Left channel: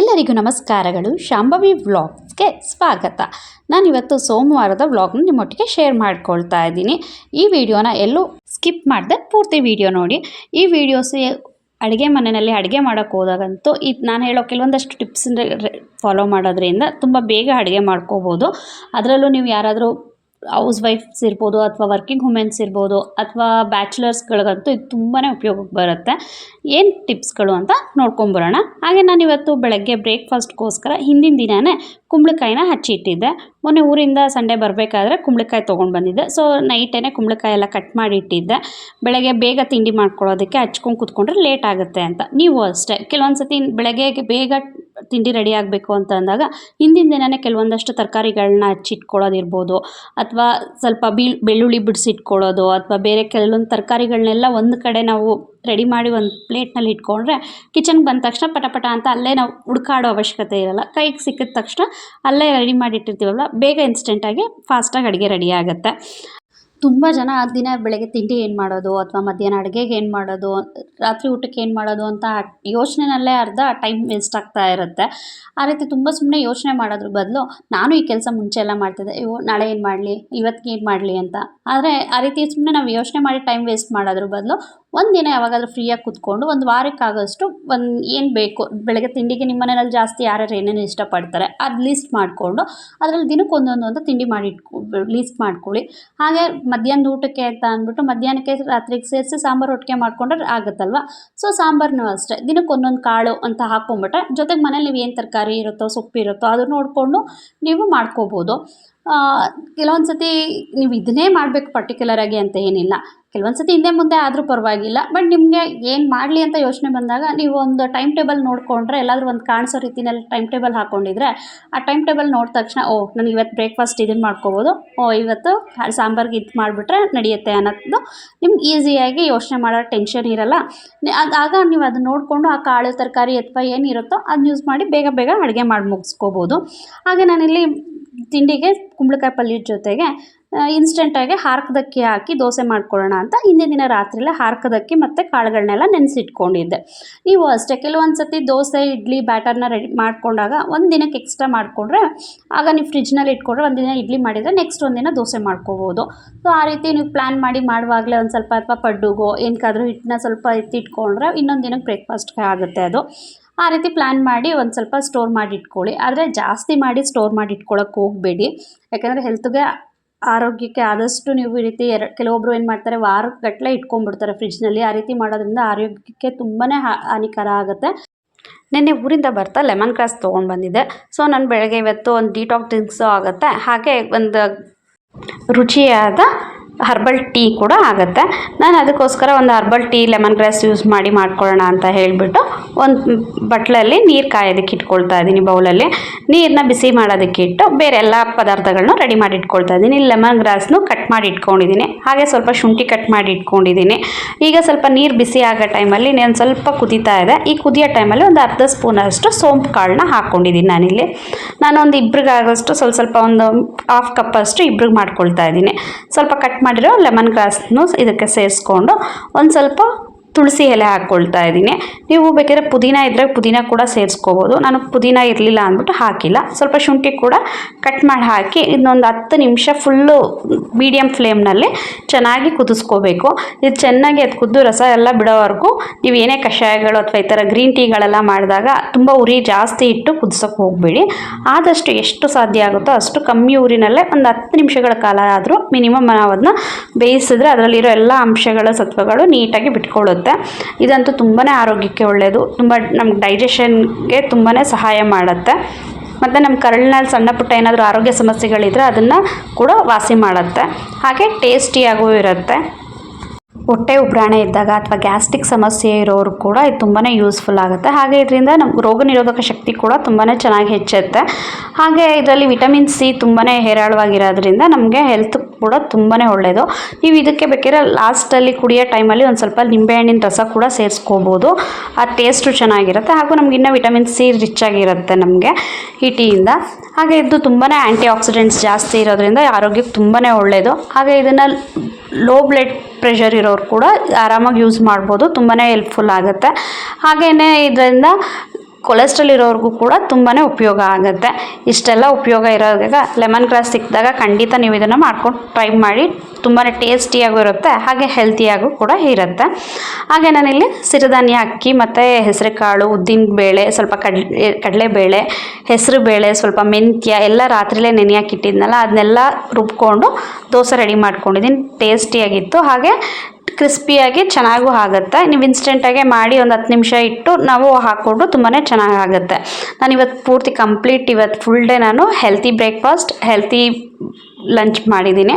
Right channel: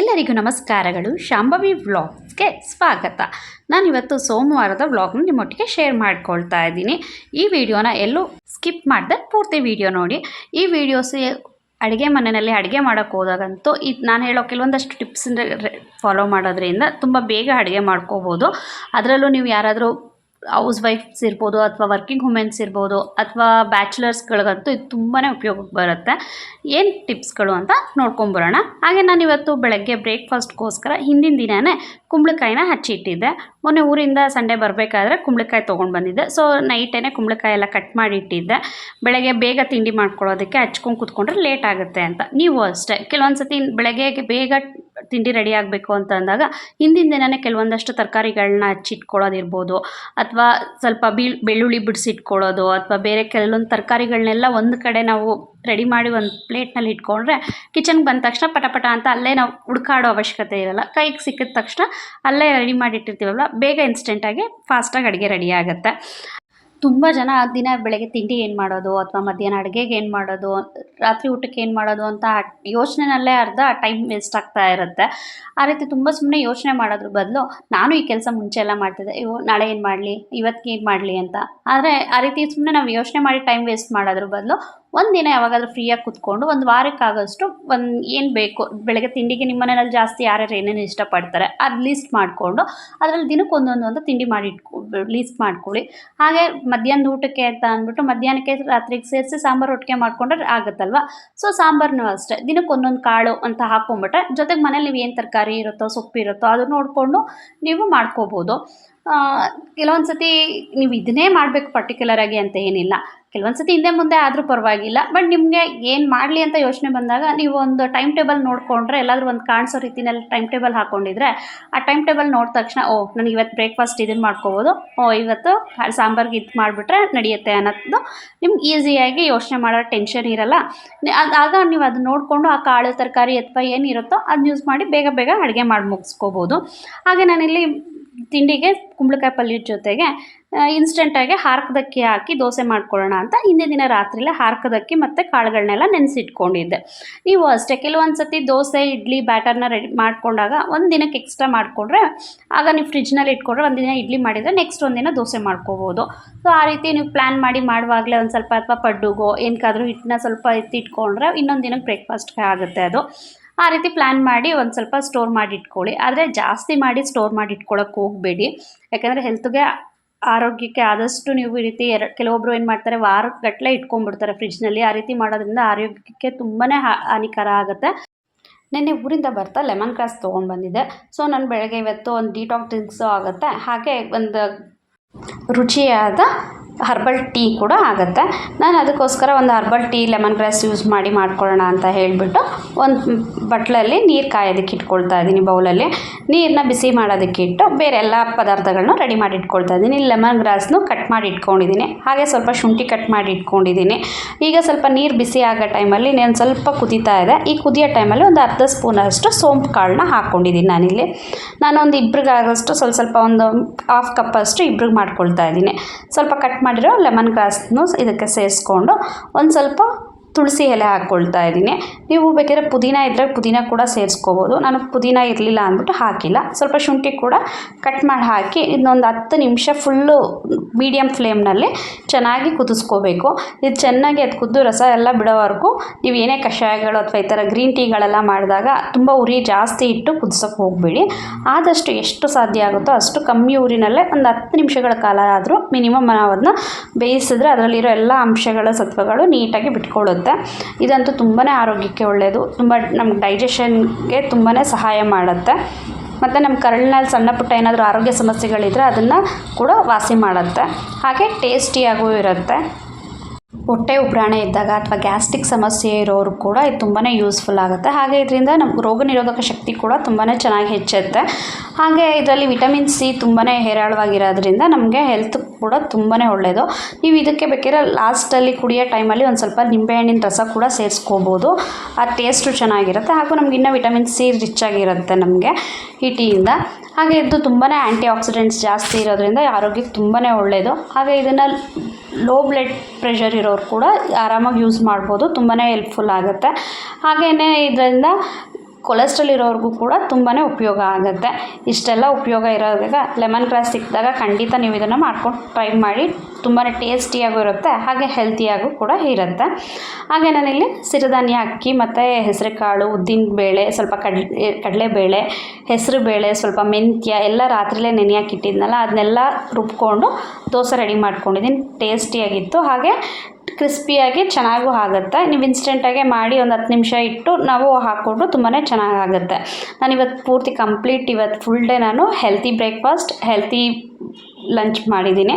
ಎಲ್ಲರಿಗೂ ನಮಸ್ಕಾರಗಳು. ಶಾಂಭವಿ ವ್ಲಾಗ್ಸ್ಗೆ ಸ್ವಾಗತ. ನಾನಿವತ್ತು ಸೋಮವಾರದ ವ್ಲಾಗ್ನ ನಿಮ್ಮೊಟ್ಟಿಗೆ ಶೇರ್ ಮಾಡ್ಕೊಳ್ತಾ ಇದ್ದೀನಿ. ಈ ವಿಡಿಯೋನ ಎಲ್ಲೂ ಸ್ಕಿಪ್ ಮಾಡಿದೆ ಪೂರ್ತಿ ವಿಡಿಯೋ ನೋಡಿ. ಈ ವಿಡಿಯೋಸ್ ಅಡುಗೆ ಮನೆಯಲ್ಲಿ ಅಡುಗೆ ಮಾಡೋಕ್ಕೆ ಹೋದಾಗಂತೂ ಈ, ನಾನು ಹೇಳೋ ಕೆಲವೊಂದಷ್ಟು ಟಿಪ್ಸ್ ಫಾಲೋ ಮಾಡೋದ್ರಿಂದ ತುಂಬ ಬೇಗ ಅಡುಗೆ ಮಾಡ್ಕೋಬೋದು. ಅದರಲ್ಲೂ ನೀವು ಯಾರಾದರೂ ಹೌಸ್ ವೈಫ್ಸ್ ಇರ್ಬೋದು ಅಥವಾ ವರ್ಕಿಂಗ್ ವುಮೆನ್ಸ್ ಇರ್ಬೋದು ಅಥವಾ ಬ್ಯಾಚುಲರ್ಸ್ಗಳಿಗಂತೂ ಇದು ತುಂಬಾ ಉಪಯೋಗಕ್ಕೆ ಬರುತ್ತೆ. ಏನು ಟಿಪ್ಸ್ಗಳು ಅಂತ ನೋಡ್ಕೊಂಬರೋಣ ಹಾಗೆ ನಾನು ಇವತ್ತು ಬೆಳಗ್ಗೆ ಬ್ರೇಕ್ಫಾಸ್ಟ್ಗೋಸ್ಕರ ಹಿಂದಿನ ದಿನವೇ ಕುಂಬಳಕಾಯಿನ ಹಚ್ಚಿಟ್ಟಿದ್ದೆ. ಮೊನ್ನೆ ಊರಿಂದ ಸಂಡೇ ಬರಬೇಕಾದ್ರೆ ಕುಂಬಳಕಾಯಿ ತೊಗೊಂಡು ಬಂದಿದ್ದೆ. ಸೊ ನೈಟೇ ಕುಂಬಳಕಾಯಿ ಎಲ್ಲ ಕಟ್ ಮಾಡಿ ಇಟ್ಟಿದ್ದೆ ಬೆಳಗ್ಗೆ ಬೇಗ ತಿಂಡಿ ಮಾಡ್ಕೊಳ್ಳೋದಕ್ಕೆ ಹಚ್ಕೊಂಡು ಕೂತ್ಕೊಂಡ್ರೆ ಲೇಟ್ ಆಗುತ್ತೆ ಅಂತ. ನೀವು ಅಷ್ಟೇ. ಕೆಲವೊಂದು ಸತಿ ಬೆಳಗ್ಗೆ ಬೇಗ ತಿಂಡಿ ರೆಡಿ ಆಗಬೇಕು ಅಂತ ಅಂದಾಗ ಹಿಂದಿನ ದಿನವೇ ಕೆಲವೊಂದಷ್ಟು ತರಕಾರಿಗಳನ್ನ ಹಚ್ಚಿಟ್ಕೊಳ್ಳೋದಿರ್ಬೋದು. ಅಥವಾ ಸ್ವಲ್ಪ ಬೀಳ್, ಬೆಳ್ಳುಳ್ಳಿ ಬಿಡಿಸಿಟ್ಕೊಳ್ಳೋದು ಅಥವಾ ಬೇರೆ ಕೆಲವೊಂದು ತರಕಾರಿಗಳನ್ನೆಲ್ಲ ಒಂದು ಕಡೆ ನಾವು ರೆಡಿ ಮಾಡಿ ಒಂದು ಪ್ಲೇಟ್ನಲ್ಲಿ ಇಟ್ಕೊಂಡ್ರೆ ಕಿಚನ್ಗೆ ಬಂದ ತಕ್ಷಣ ಪಟಪಟ ಪಟ ಅಂತ ಅಲ್ಲೇ ನಾವು ಹುಡುಕಾಡೋ ಅವಶ್ಯಕತೆ ಇರಲ್ಲ. ಕೈಗೆ ಸಿಕ್ಕಿದ ತಕ್ಷಣ ಅಲ್ಲೇ ರೆಡಿ ಮಾಡಿಟ್ಟಿರ್ತೀವಲ್ಲ, ಬೇಗ ಇನ್ಸ್ಟೆಂಟಾಗಿ ಫಾಸ್ಟಾಗಿ ಅಡುಗೆ ರೆಡಿ ಆಗುತ್ತೆ. ತುಂಬ ಜನ ದಿನ ಬೆಳಗ್ಗೆ ತಿಂಡಿ ಏನು ಮಾಡೋದು ಅಥವಾ ಮಧ್ಯಾಹ್ನ ಅಡುಗೆಗೆ ಏನು ಮಾಡೋದು, ರಾತ್ರಿ ಊಟಕ್ಕೆ ಏನು ಮಾಡೋದು ಅಂತ ಯೋಚನೆನಲ್ಲೇ ಅರ್ಧ ಟೈಮ್ ವೇಸ್ಟ್ ಆಗ್ತಾ ಇರುತ್ತೆ. ಆ ರೀತಿ ತುಂಬ ಸುಮ್ಮನೆ ಯೋಚನೆ ಮಾಡೋದ್ರ ಬದಲು ನಾನು ಈ ಕೆಲಸ ಮುಂಚೆ ಎಲ್ಲ ಮಾಡ್ತಿದ್ದೆ ಇವು ನಾಳೆ ಏನು ಮಾಡಲಿ ಇವತ್ತಿಗೆ ಏನು ಮಾಡಲಿ ಅಂತ. ಆದರೆ ಆ ರೀತಿ ಸುಮ್ಮನೆ ನಾವು ಯೋಚನೆ ಮಾಡಿ ಟೈಮ್ ವೇಸ್ಟ್ ಮಾಡೋದ್ರ ಬದಲು ಒಂದು ದಿನ ಯಾವಾಗಾದರೂ ಫ್ರೀಯಾಗಿ ಕೂತ್ಕೊಂಡು ಒಂದು ವಾರಕ್ಕಾಗೋಷ್ಟು ಒಂದು ಏನು ಬೇಕು, ಬೆಳಗ್ಗೆ ತಿಂಡಿಗೆ ನಿಮ್ಮ ಮನೆಯಲ್ಲಿ ಜಾಸ್ತಿ ಯಾರ್ಯಾರು ಏನೇನು ಇಷ್ಟಪಡ್ತಾರೆ ಅದು ಲೀಸ್ಟ್ ಮಾಡಿಕೊಂಡು ಅದರಲ್ಲಿ ದಿನಕ್ಕೆ ಒಂದೊಂದು ಒಂದು ತಿಂಡಿ ಮಾಡಿ ಇಟ್ಕೊ ಲೀಸ್ಟ್ ಮಾಡ್ಕೊಳ್ಳಿ. ಹಾಗೆ ಮಧ್ಯಾಹ್ನದ ಊಟಕ್ಕೆ ಅಂತ ಅಂದ್ಬಿಟ್ಟು ಮಧ್ಯಾಹ್ನಕ್ಕೆ ರಾತ್ರಿಗೆ ಸೇರಿಸಿ ಸಾಂಬಾರು ಒಟ್ಟಿಗೆ ಮಾಡ್ಕೊಂಡ್ರೆ ಆಗುತ್ತಲ್ವ? ಸೊ ಸಾಂಬಾರನ್ನೂ ಅಷ್ಟೇ, ದಿನಕ್ಕೆ ಒಂದೊಂದು ಕಾಳು ಅಂತ ಹಾಕ್ಕೊಂಬಿಟ್ರೆ ಜೊತೆಗೆ ಮನೇಲಿ ನೀವು ಏನು ತರಕಾರಿ ಇರುತ್ತೋ ಸೊಪ್ಪಿರುತ್ತೋ ಅದನ್ನು ನೋಡಿಕೊಂಡು ನೀವು ಮಾಡ್ಕೋಬೋದು. ಕೆಲವೊಂದು ಸತಿ ನೀವು ಇದನ್ನೇ ಮಾಡಬೇಕು ಪರ್ಟಿಕ್ಯುಲರಾಗಿ ಅಂತ ಏನಿಲ್ಲ. ಕೆಲವೊಂದು ಸತಿ ಹಿಂದೆ ಮುಂದೆ ಆದರೂ ಪರವಾಗಿಲ್ಲ. ಬಟ್ ನಿಮಗೆ ಏನು ಮಾಡಲಿ ಅಂತ ಯೋಚನೆ ಬಂದಾಗ ನೀವು ಒಂದು ಟೈಮ್ ಟೇಬಲ್ ನೋಡಿಕೊಂಡ್ರೆ, ಎಲ್ಲಾದರೂ ಒಂದು ಕಾಣಿಸೋ ರೀತಿನಲ್ಲಿ ಟೈಮ್ ಟೇಬಲ್ ಹಾಕ್ಕೊಂಡಿದ್ರೆ ಆ ಟೈಮ್ ಟೇಬಲ್ ನೋಡಿದ ತಕ್ಷಣ, ಓ, ನನಗೆ ಇವತ್ತು ಬ್ರೇಕ್ಫಾಸ್ಟ್ ಇದನ್ನು ಮಾಡ್ಕೋಬೋದು. ಓ, ಇವತ್ತು ಸಾಂಬಾರ್ಗೆ ಇದು ಮಾಡಿಬಿಟ್ರೆ ನಡೆಯುತ್ತೆ ಅನ್ನೋದು ನಿಮ್ಗೆ ಈಸಿಯಾಗಿ ಯೋಚನೆ ಮಾಡೋ ಟೆನ್ಷನ್ ಇರಲ್ಲ. ಆಗ ನೀವು ಅದನ್ನ ನೋಡಿಕೊಂಡು ಆ ಕಾಳು, ತರಕಾರಿ ಅಥವಾ ಏನಿರುತ್ತೋ ಅದನ್ನ ಯೂಸ್ ಮಾಡಿ ಬೇಗ ಬೇಗ ಅಡುಗೆ ಮಾಡಿ ಮುಗಿಸ್ಕೋಬೋದು. ಹಾಗೆ ನಾನಿಲ್ಲಿ ತಿಂಡಿಗೆ ಕುಂಬಳಕಾಯಿ ಪಲ್ಯದ ಜೊತೆಗೆ ಇನ್ಸ್ಟೆಂಟಾಗಿ ಹಾರ್ಕದಕ್ಕಿ ಹಾಕಿ ದೋಸೆ ಮಾಡ್ಕೊಳ್ಳೋಣ ಅಂತ ಹಿಂದೆ ದಿನ ರಾತ್ರಿಲೇ ಹಾರ್ಕದಕ್ಕಿ ಮತ್ತು ಕಾಳುಗಳನ್ನೆಲ್ಲ ನೆನೆಸಿಟ್ಕೊಂಡಿದ್ದೆ. ನೀವು ಅಷ್ಟೇ ಕೆಲವೊಂದು ಸತಿ ದೋಸೆ, ಇಡ್ಲಿ, ಬ್ಯಾಟರ್ನ ರೆಡಿ ಮಾಡಿಕೊಂಡಾಗ ಒಂದು ದಿನಕ್ಕೆ ಎಕ್ಸ್ಟ್ರಾ ಮಾಡಿಕೊಂಡ್ರೆ, ಆಗ ನೀವು ಫ್ರಿಜ್ನಲ್ಲಿ ಇಟ್ಕೊಂಡ್ರೆ ಒಂದು ದಿನ ಇಡ್ಲಿ ಮಾಡಿದರೆ ನೆಕ್ಸ್ಟ್ ಒಂದಿನ ದೋಸೆ ಮಾಡ್ಕೋಬೋದು. ಸೊ ಆ ರೀತಿ ನೀವು ಪ್ಲ್ಯಾನ್ ಮಾಡಿ ಮಾಡುವಾಗಲೇ ಒಂದು ಸ್ವಲ್ಪ ಅಥವಾ ಪಡ್ಡುಗೋ ಏನಕ್ಕಾದ್ರೂ ಹಿಟ್ಟನ್ನ ಸ್ವಲ್ಪ ಎತ್ತಿಟ್ಕೊಂಡ್ರೆ ಇನ್ನೊಂದು ದಿನಕ್ಕೆ ಬ್ರೇಕ್ಫಾಸ್ಟ್ಗೆ ಆಗುತ್ತೆ ಅದು. ಆ ರೀತಿ ಪ್ಲ್ಯಾನ್ ಮಾಡಿ ಒಂದು ಸ್ವಲ್ಪ ಸ್ಟೋರ್ ಮಾಡಿ ಇಟ್ಕೊಳ್ಳಿ ಆದರೆ ಜಾಸ್ತಿ ಮಾಡಿ ಸ್ಟೋರ್ ಮಾಡಿ ಇಟ್ಕೊಳ್ಳೋಕೆ ಹೋಗಬೇಡಿ. ಯಾಕಂದರೆ ಹೆಲ್ತ್ಗೆ ಆರೋಗ್ಯಕ್ಕೆ ಆದಷ್ಟು ನೀವು ಈ ರೀತಿ ಎರ ಕೆಲವೊಬ್ಬರು ಏನು ಮಾಡ್ತಾರೆ ವಾರಗಟ್ಟಲೆ ಇಟ್ಕೊಂಡ್ಬಿಡ್ತಾರೆ ಫ್ರಿಜ್ನಲ್ಲಿ ಆ ರೀತಿ ಮಾಡೋದ್ರಿಂದ ಆರೋಗ್ಯಕ್ಕೆ ತುಂಬಾ ಹಾನಿಕರ ಆಗುತ್ತೆ. ನಿನ್ನೆ ಊರಿಂದ ಬರ್ತಾ ಲೆಮನ್ ಗ್ರಾಸ್ ತೊಗೊಂಡು ಬಂದಿದ್ದೆ. ಸೊ ನಾನು ಬೆಳಗ್ಗೆ ಇವತ್ತು ಒಂದು ಡಿಟಾಕ್ಸಿಂಗ್ಸು ಆಗುತ್ತೆ. ಹಾಗೆ ಒಂದು ರುಚಿಯಾದ ಹರ್ಬಲ್ ಟೀ ಕೂಡ ಆಗುತ್ತೆ. ನಾನು ಅದಕ್ಕೋಸ್ಕರ ಒಂದು herbal tea lemon grass use ಮಾಡಿ ಮಾಡ್ಕೊಳ್ಳೋಣ ಅಂತ ಹೇಳಿಬಿಟ್ಟು ಒಂದು ಬಟ್ಲಲ್ಲಿ ನೀರು ಕಾಯೋದಕ್ಕೆ ಇಟ್ಕೊಳ್ತಾ ಇದ್ದೀನಿ ಬೌಲಲ್ಲಿ ನೀರನ್ನ ಬಿಸಿ ಮಾಡೋದಕ್ಕೆ ಇಟ್ಟು ಬೇರೆ ಎಲ್ಲ ಪದಾರ್ಥಗಳನ್ನೂ ರೆಡಿ ಮಾಡಿ ಇಟ್ಕೊಳ್ತಾ ಇದ್ದೀನಿ. ಲೆಮನ್ ಗ್ರಾಸ್ನು ಕಟ್ ಮಾಡಿ ಇಟ್ಕೊಂಡಿದ್ದೀನಿ. ಹಾಗೆ ಸ್ವಲ್ಪ ಶುಂಠಿ ಕಟ್ ಮಾಡಿ ಇಟ್ಕೊಂಡಿದ್ದೀನಿ. ಈಗ ಸ್ವಲ್ಪ ನೀರು ಬಿಸಿ ಆಗೋ ಟೈಮಲ್ಲಿ ನಾನು ಸ್ವಲ್ಪ ಕುದೀತಾ ಇದೆ. ಈ ಕುದಿಯೋ ಟೈಮಲ್ಲಿ ಒಂದು ಅರ್ಧ ಸ್ಪೂನಷ್ಟು ಸೋಂಪು ಕಾಳನ್ನ ಹಾಕ್ಕೊಂಡಿದ್ದೀನಿ ನಾನಿಲ್ಲಿ. ನಾನೊಂದು ಇಬ್ರಿಗಾಗೋಷ್ಟು ಸ್ವಲ್ಪ ಸ್ವಲ್ಪ ಒಂದು ಹಾಫ್ ಕಪ್ಪಷ್ಟು ಇಬ್ರಿಗೆ ಮಾಡ್ಕೊಳ್ತಾ ಇದ್ದೀನಿ. ಸ್ವಲ್ಪ ಕಟ್ ಮಾಡಿರೋ ಲೆಮನ್ ಗ್ರಾಸ್ನು ಇದಕ್ಕೆ ಸೇರಿಸ್ಕೊಂಡು ಒಂದು ಸ್ವಲ್ಪ ತುಳಸಿ ಎಲೆ ಹಾಕ್ಕೊಳ್ತಾ ಇದ್ದೀನಿ. ನೀವು ಬೇಕಾದ್ರೆ ಪುದೀನ ಇದ್ದರೆ ಪುದೀನ ಕೂಡ ಸೇರಿಸ್ಕೋಬೋದು. ನಾನು ಪುದೀನ ಇರಲಿಲ್ಲ ಅಂದ್ಬಿಟ್ಟು ಹಾಕಿಲ್ಲ. ಸ್ವಲ್ಪ ಶುಂಠಿ ಕೂಡ ಕಟ್ ಮಾಡಿ ಹಾಕಿ ಇನ್ನೊಂದು ಹತ್ತು ನಿಮಿಷ ಫುಲ್ಲು ಮೀಡಿಯಮ್ ಫ್ಲೇಮ್ನಲ್ಲಿ ಚೆನ್ನಾಗಿ ಕುದಿಸ್ಕೋಬೇಕು. ಇದು ಚೆನ್ನಾಗಿ ಅದು ಕುದ್ದು ರಸ ಎಲ್ಲ ಬಿಡೋವರೆಗೂ ನೀವು ಏನೇ ಕಷಾಯಗಳು ಅಥವಾ ಈ ಥರ ಗ್ರೀನ್ ಟೀಗಳೆಲ್ಲ ಮಾಡಿದಾಗ ತುಂಬ ಉರಿ ಜಾಸ್ತಿ ಇಟ್ಟು ಕುದಿಸೋಕೆ ಹೋಗಬೇಡಿ. ಆದಷ್ಟು ಎಷ್ಟು ಸಾಧ್ಯ ಆಗುತ್ತೋ ಅಷ್ಟು ಕಮ್ಮಿ ಊರಿನಲ್ಲೇ ಒಂದು ಹತ್ತು ನಿಮಿಷಗಳ ಕಾಲ ಆದರೂ ಮಿನಿಮಮ್ ನಾವು ಅದನ್ನ ಬೇಯಿಸಿದ್ರೆ ಅದರಲ್ಲಿರೋ ಎಲ್ಲ ಅಂಶಗಳ, ಸತ್ವಗಳು ನೀಟಾಗಿ ಬಿಟ್ಕೊಳ್ಳುತ್ತೆ. ಇದಂತೂ ತುಂಬಾ ಆರೋಗ್ಯಕ್ಕೆ ಒಳ್ಳೆಯದು ತುಂಬ ನಮ್ಗೆ ಡೈಜೆಷನ್ಗೆ ತುಂಬಾ ಸಹಾಯ ಮಾಡುತ್ತೆ. ಮತ್ತು ನಮ್ಮ ಕರಳಿನಲ್ಲಿ ಸಣ್ಣ ಪುಟ್ಟ ಏನಾದರೂ ಆರೋಗ್ಯ ಸಮಸ್ಯೆಗಳಿದ್ದರೆ ಅದನ್ನು ಕೂಡ ವಾಸಿ ಮಾಡುತ್ತೆ. ಹಾಗೆ ಟೇಸ್ಟಿಯಾಗೂ ಇರುತ್ತೆ. ಹೊಟ್ಟೆ ಉಬ್ರಾಣೆ ಇದ್ದಾಗ ಅಥವಾ ಗ್ಯಾಸ್ಟ್ರಿಕ್ ಸಮಸ್ಯೆ ಇರೋರು ಕೂಡ ಇದು ತುಂಬಾ ಯೂಸ್ಫುಲ್ ಆಗುತ್ತೆ. ಹಾಗೆ ಇದರಿಂದ ನಮ್ಮ ರೋಗ ನಿರೋಧಕ ಶಕ್ತಿ ಕೂಡ ತುಂಬಾ ಚೆನ್ನಾಗಿ ಹೆಚ್ಚುತ್ತೆ. ಹಾಗೆ ಇದರಲ್ಲಿ ವಿಟಮಿನ್ ಸಿ ತುಂಬಾ ಹೇರಾಳವಾಗಿರೋದ್ರಿಂದ ನಮಗೆ ಹೆಲ್ತ್ ಕೂಡ ತುಂಬಾ ಒಳ್ಳೆಯದು ನೀವು ಇದಕ್ಕೆ ಬೇಕಿದ್ರೆ ಲಾಸ್ಟಲ್ಲಿ ಕುಡಿಯೋ ಟೈಮಲ್ಲಿ ಒಂದು ಸ್ವಲ್ಪ ನಿಂಬೆಹಣ್ಣಿನ ರಸ ಕೂಡ ಸೇರಿಸ್ಕೋಬೋದು. ಆ ಟೇಸ್ಟು ಚೆನ್ನಾಗಿರುತ್ತೆ. ಹಾಗೂ ನಮ್ಗೆ ಇನ್ನೂ ವಿಟಮಿನ್ ಸಿ ರಿಚ್ ಆಗಿರುತ್ತೆ ನಮಗೆ ಈ ಟೀಯಿಂದ ಹಾಗೆ ಇದು ತುಂಬಾ ಆ್ಯಂಟಿ ಆಕ್ಸಿಡೆಂಟ್ಸ್ ಜಾಸ್ತಿ ಇರೋದ್ರಿಂದ ಆರೋಗ್ಯಕ್ಕೆ ತುಂಬಾ ಒಳ್ಳೆಯದು ಹಾಗೆ ಇದನ್ನು ಲೋ ಬ್ಲಡ್ ಪ್ರೆಷರ್ ಇರೋರು ಕೂಡ ಆರಾಮಾಗಿ ಯೂಸ್ ಮಾಡ್ಬೋದು ತುಂಬಾ ಹೆಲ್ಪ್ಫುಲ್ ಆಗುತ್ತೆ. ಹಾಗೆಯೇ ಇದರಿಂದ ಕೊಲೆಸ್ಟ್ರಾಲ್ ಇರೋರಿಗೂ ಕೂಡ ತುಂಬಾ ಉಪಯೋಗ ಆಗುತ್ತೆ. ಇಷ್ಟೆಲ್ಲ ಉಪಯೋಗ ಇರೋವಾಗ ಲೆಮನ್ ಗ್ರಾಸ್ ಸಿಕ್ಕಿದಾಗ ಖಂಡಿತ ನೀವು ಇದನ್ನು ಮಾಡ್ಕೊಂಡು ಟ್ರೈ ಮಾಡಿ. ತುಂಬಾ ಟೇಸ್ಟಿಯಾಗೂ ಇರುತ್ತೆ ಹಾಗೆ ಹೆಲ್ತಿಯಾಗೂ ಕೂಡ ಇರುತ್ತೆ. ಹಾಗೆ ನಾನಿಲ್ಲಿ ಸಿರಿಧಾನ್ಯ, ಅಕ್ಕಿ ಮತ್ತು ಹೆಸರುಕಾಳು, ಉದ್ದಿನ ಬೇಳೆ, ಸ್ವಲ್ಪ ಕಡಲೆ ಕಡಲೆಬೇಳೆ ಹೆಸರು ಬೇಳೆ, ಸ್ವಲ್ಪ ಮೆಂತ್ಯ, ಎಲ್ಲ ರಾತ್ರಿಲೇ ನೆನೆಯಾಕಿಟ್ಟಿದ್ನಲ್ಲ ಅದನ್ನೆಲ್ಲ ರುಬ್ಕೊಂಡು ದೋಸೆ ರೆಡಿ ಮಾಡ್ಕೊಂಡಿದ್ದೀನಿ ಟೇಸ್ಟಿಯಾಗಿತ್ತು, ಹಾಗೆ ಕ್ರಿಸ್ಪಿಯಾಗಿ ಚೆನ್ನಾಗೂ ಆಗುತ್ತೆ. ನೀವು ಇನ್ಸ್ಟೆಂಟಾಗೆ ಮಾಡಿ ಒಂದು ಹತ್ತು ನಿಮಿಷ ಇಟ್ಟು ನಾವು ಹಾಕ್ಕೊಂಡು ತುಂಬಾ ಚೆನ್ನಾಗಾಗುತ್ತೆ ನಾನು ಇವತ್ತು ಪೂರ್ತಿ ಕಂಪ್ಲೀಟ್ ಇವತ್ತು ಫುಲ್ ಡೇ ನಾನು ಹೆಲ್ತಿ ಬ್ರೇಕ್ಫಾಸ್ಟ್ ಹೆಲ್ತಿ ಲಂಚ್ ಮಾಡಿದ್ದೀನಿ.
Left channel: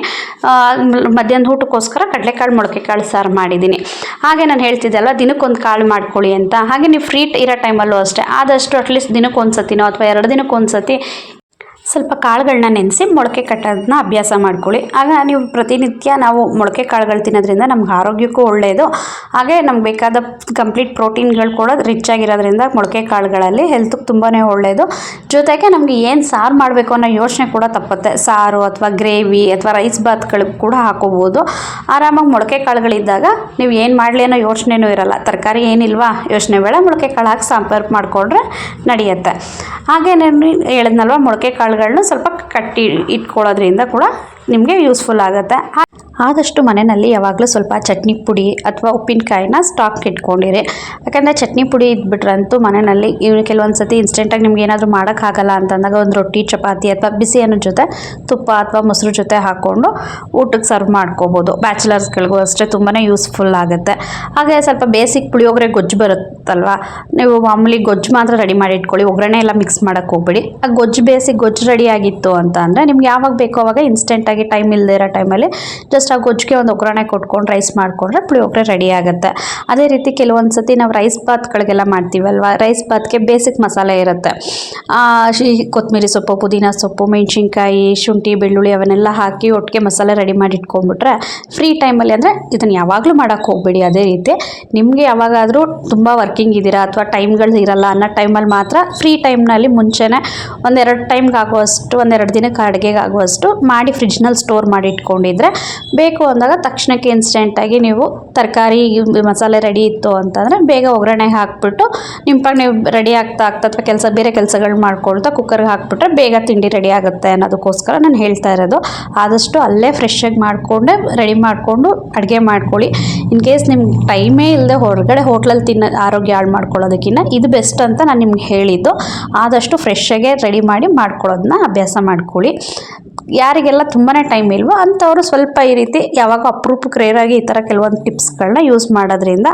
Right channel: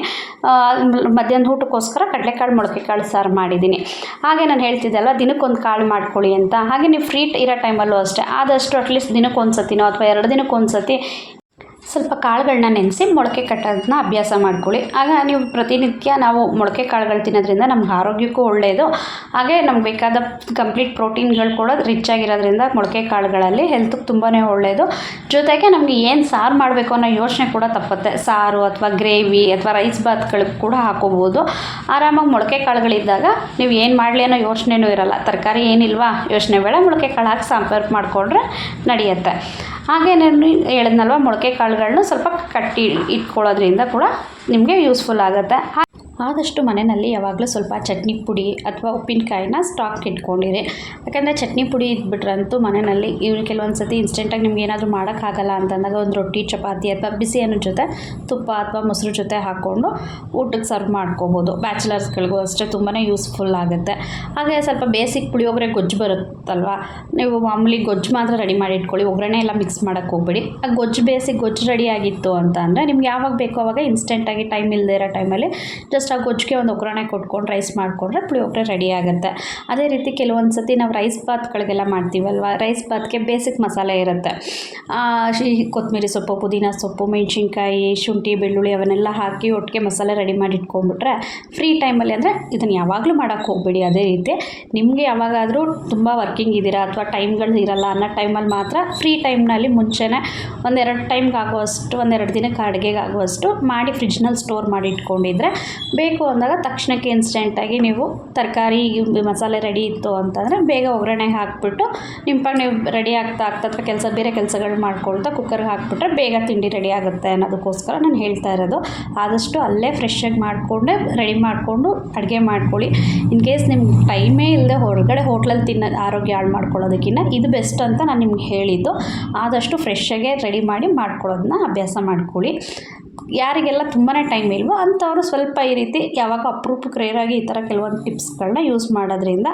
ಮಧ್ಯಾಹ್ನದ ಊಟಕ್ಕೋಸ್ಕರ ಕಡಲೆಕಾಳು ಮೊಳಕೆ ಕಾಳು ಸಾರು ಮಾಡಿದ್ದೀನಿ. ಹಾಗೆ ನಾನು ಹೇಳ್ತಿದ್ದೆಲ್ಲ, ದಿನಕ್ಕೊಂದು ಕಾಳು ಮಾಡ್ಕೊಳ್ಳಿ ಅಂತ. ಹಾಗೆ ನೀವು ಫ್ರೀ ಇರೋ ಟೈಮಲ್ಲೂ ಅಷ್ಟೇ. ಆದಷ್ಟು ಅಟ್ಲೀಸ್ಟ್ ದಿನಕ್ಕೊಂದು ಸತಿನೋ ಅಥವಾ ಎರಡು ದಿನಕ್ಕೊಂದು ಸತಿ ಸ್ವಲ್ಪ ಕಾಳುಗಳನ್ನ ನೆನೆಸಿ ಮೊಳಕೆ ಕಟ್ಟೋದನ್ನ ಅಭ್ಯಾಸ ಮಾಡ್ಕೊಳ್ಳಿ. ಆಗ ನೀವು ಪ್ರತಿನಿತ್ಯ ನಾವು ಮೊಳಕೆ ಕಾಳುಗಳು ತಿನ್ನೋದ್ರಿಂದ ನಮ್ಗೆ ಆರೋಗ್ಯಕ್ಕೂ ಒಳ್ಳೆಯದು ಹಾಗೆ ನಮ್ಗೆ ಬೇಕಾದ ಕಂಪ್ಲೀಟ್ ಪ್ರೋಟೀನ್ಗಳು ಕೂಡ ರಿಚ್ ಆಗಿರೋದ್ರಿಂದ ಮೊಳಕೆ ಕಾಳುಗಳಲ್ಲಿ ಹೆಲ್ತ್ಗೆ ತುಂಬಾ ಒಳ್ಳೆಯದು ಜೊತೆಗೆ ನಮಗೆ ಏನು ಸಾರು ಮಾಡಬೇಕು ಅನ್ನೋ ಯೋಚನೆ ಕೂಡ ತಪ್ಪತ್ತೆ. ಸಾರು ಅಥವಾ ಗ್ರೇವಿ ಅಥವಾ ರೈಸ್ ಬಾತ್ಗಳಿಗೆ ಕೂಡ ಹಾಕೋಬೋದು. ಆರಾಮಾಗಿ ಮೊಳಕೆ ಕಾಳುಗಳಿದ್ದಾಗ ನೀವು ಏನು ಮಾಡಲಿ ಅನ್ನೋ ಯೋಚನೆನೂ ಇರಲ್ಲ. ತರಕಾರಿ ಏನಿಲ್ವಾ ಯೋಚನೆ ಬೇಡ, ಮೊಳಕೆ ಕಾಳು ಹಾಕಿ ಸಂಪರ್ಕ ಮಾಡಿಕೊಂಡ್ರೆ ನಡೆಯುತ್ತೆ. ಹಾಗೆ ನಾನು ಹೇಳಿದ್ನಲ್ವ ಮೊಳಕೆ ಕಾಳುಗಳನ್ನ ಸ್ವಲ್ಪ ಕಟ್ಟಿ ಇಟ್ಕೊಳ್ಳೋದ್ರಿಂದ ಕೂಡ ನಿಮಗೆ ಯೂಸ್ಫುಲ್ ಆಗುತ್ತೆ. ಆದಷ್ಟು ಮನೆಯಲ್ಲಿ ಯಾವಾಗಲೂ ಸ್ವಲ್ಪ ಚಟ್ನಿ ಪುಡಿ ಅಥವಾ ಉಪ್ಪಿನಕಾಯಿನ ಸ್ಟಾಕ್ ಇಟ್ಕೊಂಡಿರಿ. ಯಾಕಂದರೆ ಚಟ್ನಿ ಪುಡಿ ಇದ್ಬಿಟ್ರಂತೂ ಮನೆಯಲ್ಲಿ ಇವ್ರು ಕೆಲವೊಂದು ಸತಿ ಇನ್ಸ್ಟೆಂಟಾಗಿ ನಿಮ್ಗೆ ಏನಾದರೂ ಮಾಡೋಕ್ಕಾಗಲ್ಲ ಅಂತಂದಾಗ ಒಂದು ರೊಟ್ಟಿ, ಚಪಾತಿ ಅಥವಾ ಬಿಸಿ ಅನ್ನೋ ಜೊತೆ ತುಪ್ಪ ಅಥವಾ ಮೊಸರು ಜೊತೆ ಹಾಕ್ಕೊಂಡು ಊಟಕ್ಕೆ ಸರ್ವ್ ಮಾಡ್ಕೋಬೋದು. ಬ್ಯಾಚುಲರ್ಸ್ಗಳಿಗೂ ಅಷ್ಟೇ ತುಂಬಾ ಯೂಸ್ಫುಲ್ ಆಗುತ್ತೆ. ಹಾಗೆ ಸ್ವಲ್ಪ ಬೇಸಿಕ್ ಪುಳಿಯೋಗರೆ ಗೊಜ್ಜು ಬರುತ್ತಲ್ವ? ನೀವು ಮಾಮೂಲಿ ಗೊಜ್ಜು ಮಾತ್ರ ರೆಡಿ ಮಾಡಿ ಇಟ್ಕೊಳ್ಳಿ. ಒಗ್ಗರಣೆ ಎಲ್ಲ ಮಿಕ್ಸ್ ಮಾಡೋಕ್ಕೆ ಹೋಗ್ಬೇಡಿ. ಆ ಗೊಜ್ಜು ಬೇಸಿಕ್ ಗೊಜ್ಜು ರೆಡಿ ಆಗಿತ್ತು ಅಂತ ಅಂದರೆ ನಿಮ್ಗೆ ಯಾವಾಗ ಬೇಕೋ ಅವಾಗ ಇನ್ಸ್ಟೆಂಟಾಗಿ ಟೈಮ್ ಇಲ್ಲದೇ ಇರೋ ಟೈಮಲ್ಲಿ ಜಸ್ಟ್ ಗೊಜ್ಜಿಗೆ ಒಂದು ಒಗ್ಗರಣೆ ಕೊಟ್ಕೊಂಡು ರೈಸ್ ಮಾಡಿಕೊಂಡ್ರೆ ಪುಳಿಯೋಗರೆ ರೆಡಿ ಆಗುತ್ತೆ. ಅದೇ ರೀತಿ ಕೆಲವೊಂದು ಸತಿ ನಾವು ರೈಸ್ ಬಾತ್ಗಳಿಗೆಲ್ಲ ಮಾಡ್ತೀವಲ್ವ? ರೈಸ್ ಬಾತ್ಗೆ ಬೇಸಿಕ್ ಮಸಾಲೆ ಇರುತ್ತೆ. ಕೊತ್ತಂಬರಿ ಸೊಪ್ಪು, ಪುದೀನ ಸೊಪ್ಪು, ಮೆಣಸಿನ್ಕಾಯಿ, ಶುಂಠಿ, ಬೆಳ್ಳುಳ್ಳಿ ಅವನ್ನೆಲ್ಲ ಹಾಕಿ ಒಟ್ಟಿಗೆ ಮಸಾಲೆ ರೆಡಿ ಮಾಡಿ ಇಟ್ಕೊಂಡ್ಬಿಟ್ರೆ ಫ್ರೀ ಟೈಮಲ್ಲಿ ಅಂದರೆ ಇದನ್ನು ಯಾವಾಗಲೂ ಮಾಡೋಕ್ಕೆ ಹೋಗಬೇಡಿ. ಅದೇ ರೀತಿ ನಿಮಗೆ ಯಾವಾಗಾದರೂ ತುಂಬ ವರ್ಕಿಂಗ್ ಇದ್ದೀರಾ ಅಥವಾ ಟೈಮ್ಗಳು ಇರಲ್ಲ ಅನ್ನೋ ಟೈಮಲ್ಲಿ ಮಾತ್ರ ಫ್ರೀ ಟೈಮ್ನಲ್ಲಿ ಮುಂಚೆನೇ ಒಂದೆರಡು ಟೈಮ್ಗೆ ಆಗುವಷ್ಟು ಒಂದೆರಡು ದಿನಕ್ಕೆ ಅಡುಗೆಗೆ ಆಗುವಷ್ಟು ಮಾಡಿ ಫ್ರಿಜ್ನಲ್ಲಿ ಸ್ಟೋರ್ ಮಾಡಿ ಇಟ್ಕೊಂಡಿದ್ರೆ ಬೇಕು ಅಂದಾಗ ತಕ್ಷಣಕ್ಕೆ ಇನ್ಸ್ಟೆಂಟಾಗಿ ನೀವು ತರಕಾರಿ ಮಸಾಲೆ ರೆಡಿ ಇತ್ತು ಅಂತಂದರೆ ಬೇಗ ಒಗ್ಗರಣೆಗೆ ಹಾಕ್ಬಿಟ್ಟು ನಿಮ್ಮ ಪಾಡಿಗೆ ನೀವು ರೆಡಿ ಆಗ್ತಾ ಆಗ್ತಾ ಅಥವಾ ಕೆಲಸ ಬೇರೆ ಕೆಲಸಗಳು ಮಾಡ್ಕೊಳ್ತಾ ಕುಕ್ಕರ್ಗೆ ಹಾಕ್ಬಿಟ್ರೆ ಬೇಗ ತಿಂಡಿ ರೆಡಿ ಆಗುತ್ತೆ ಅನ್ನೋದಕ್ಕೋಸ್ಕರ ನಾನು ಹೇಳ್ತಾ ಇರೋದು. ಆದಷ್ಟು ಅಲ್ಲೇ ಫ್ರೆಶ್ಶಾಗಿ ಮಾಡಿಕೊಂಡೆ ರೆಡಿ ಮಾಡಿಕೊಂಡು ಅಡುಗೆ ಮಾಡ್ಕೊಳ್ಳಿ. ಇನ್ ಕೇಸ್ ನಿಮ್ಗೆ ಟೈಮೇ ಇಲ್ಲದೆ ಹೊರಗಡೆ ಹೋಟ್ಲಲ್ಲಿ ತಿನ್ನೋ ಆರೋಗ್ಯ ಹಾಳು ಮಾಡ್ಕೊಳ್ಳೋದಕ್ಕಿಂತ ಇದು ಬೆಸ್ಟ್ ಅಂತ ನಾನು ನಿಮ್ಗೆ ಹೇಳಿದ್ದು. ಆದಷ್ಟು ಫ್ರೆಶ್ಶಾಗೆ ರೆಡಿ ಮಾಡಿ ಮಾಡ್ಕೊಳ್ಳೋದನ್ನ ಅಭ್ಯಾಸ ಮಾಡ್ಕೊಳ್ಳಿ. ಯಾರಿಗೆಲ್ಲ ತುಂಬಾ ಟೈಮ್ ಇಲ್ವೋ ಅಂಥವರು ಸ್ವಲ್ಪ ಈ ರೀತಿ ಯಾವಾಗ ಅಪರೂಪಕ್ಕೆ ರೇರಾಗಿ ಈ ಥರ ಕೆಲವೊಂದು ಟಿಪ್ಸ್ಗಳನ್ನ ಯೂಸ್ ಮಾಡೋದ್ರಿಂದ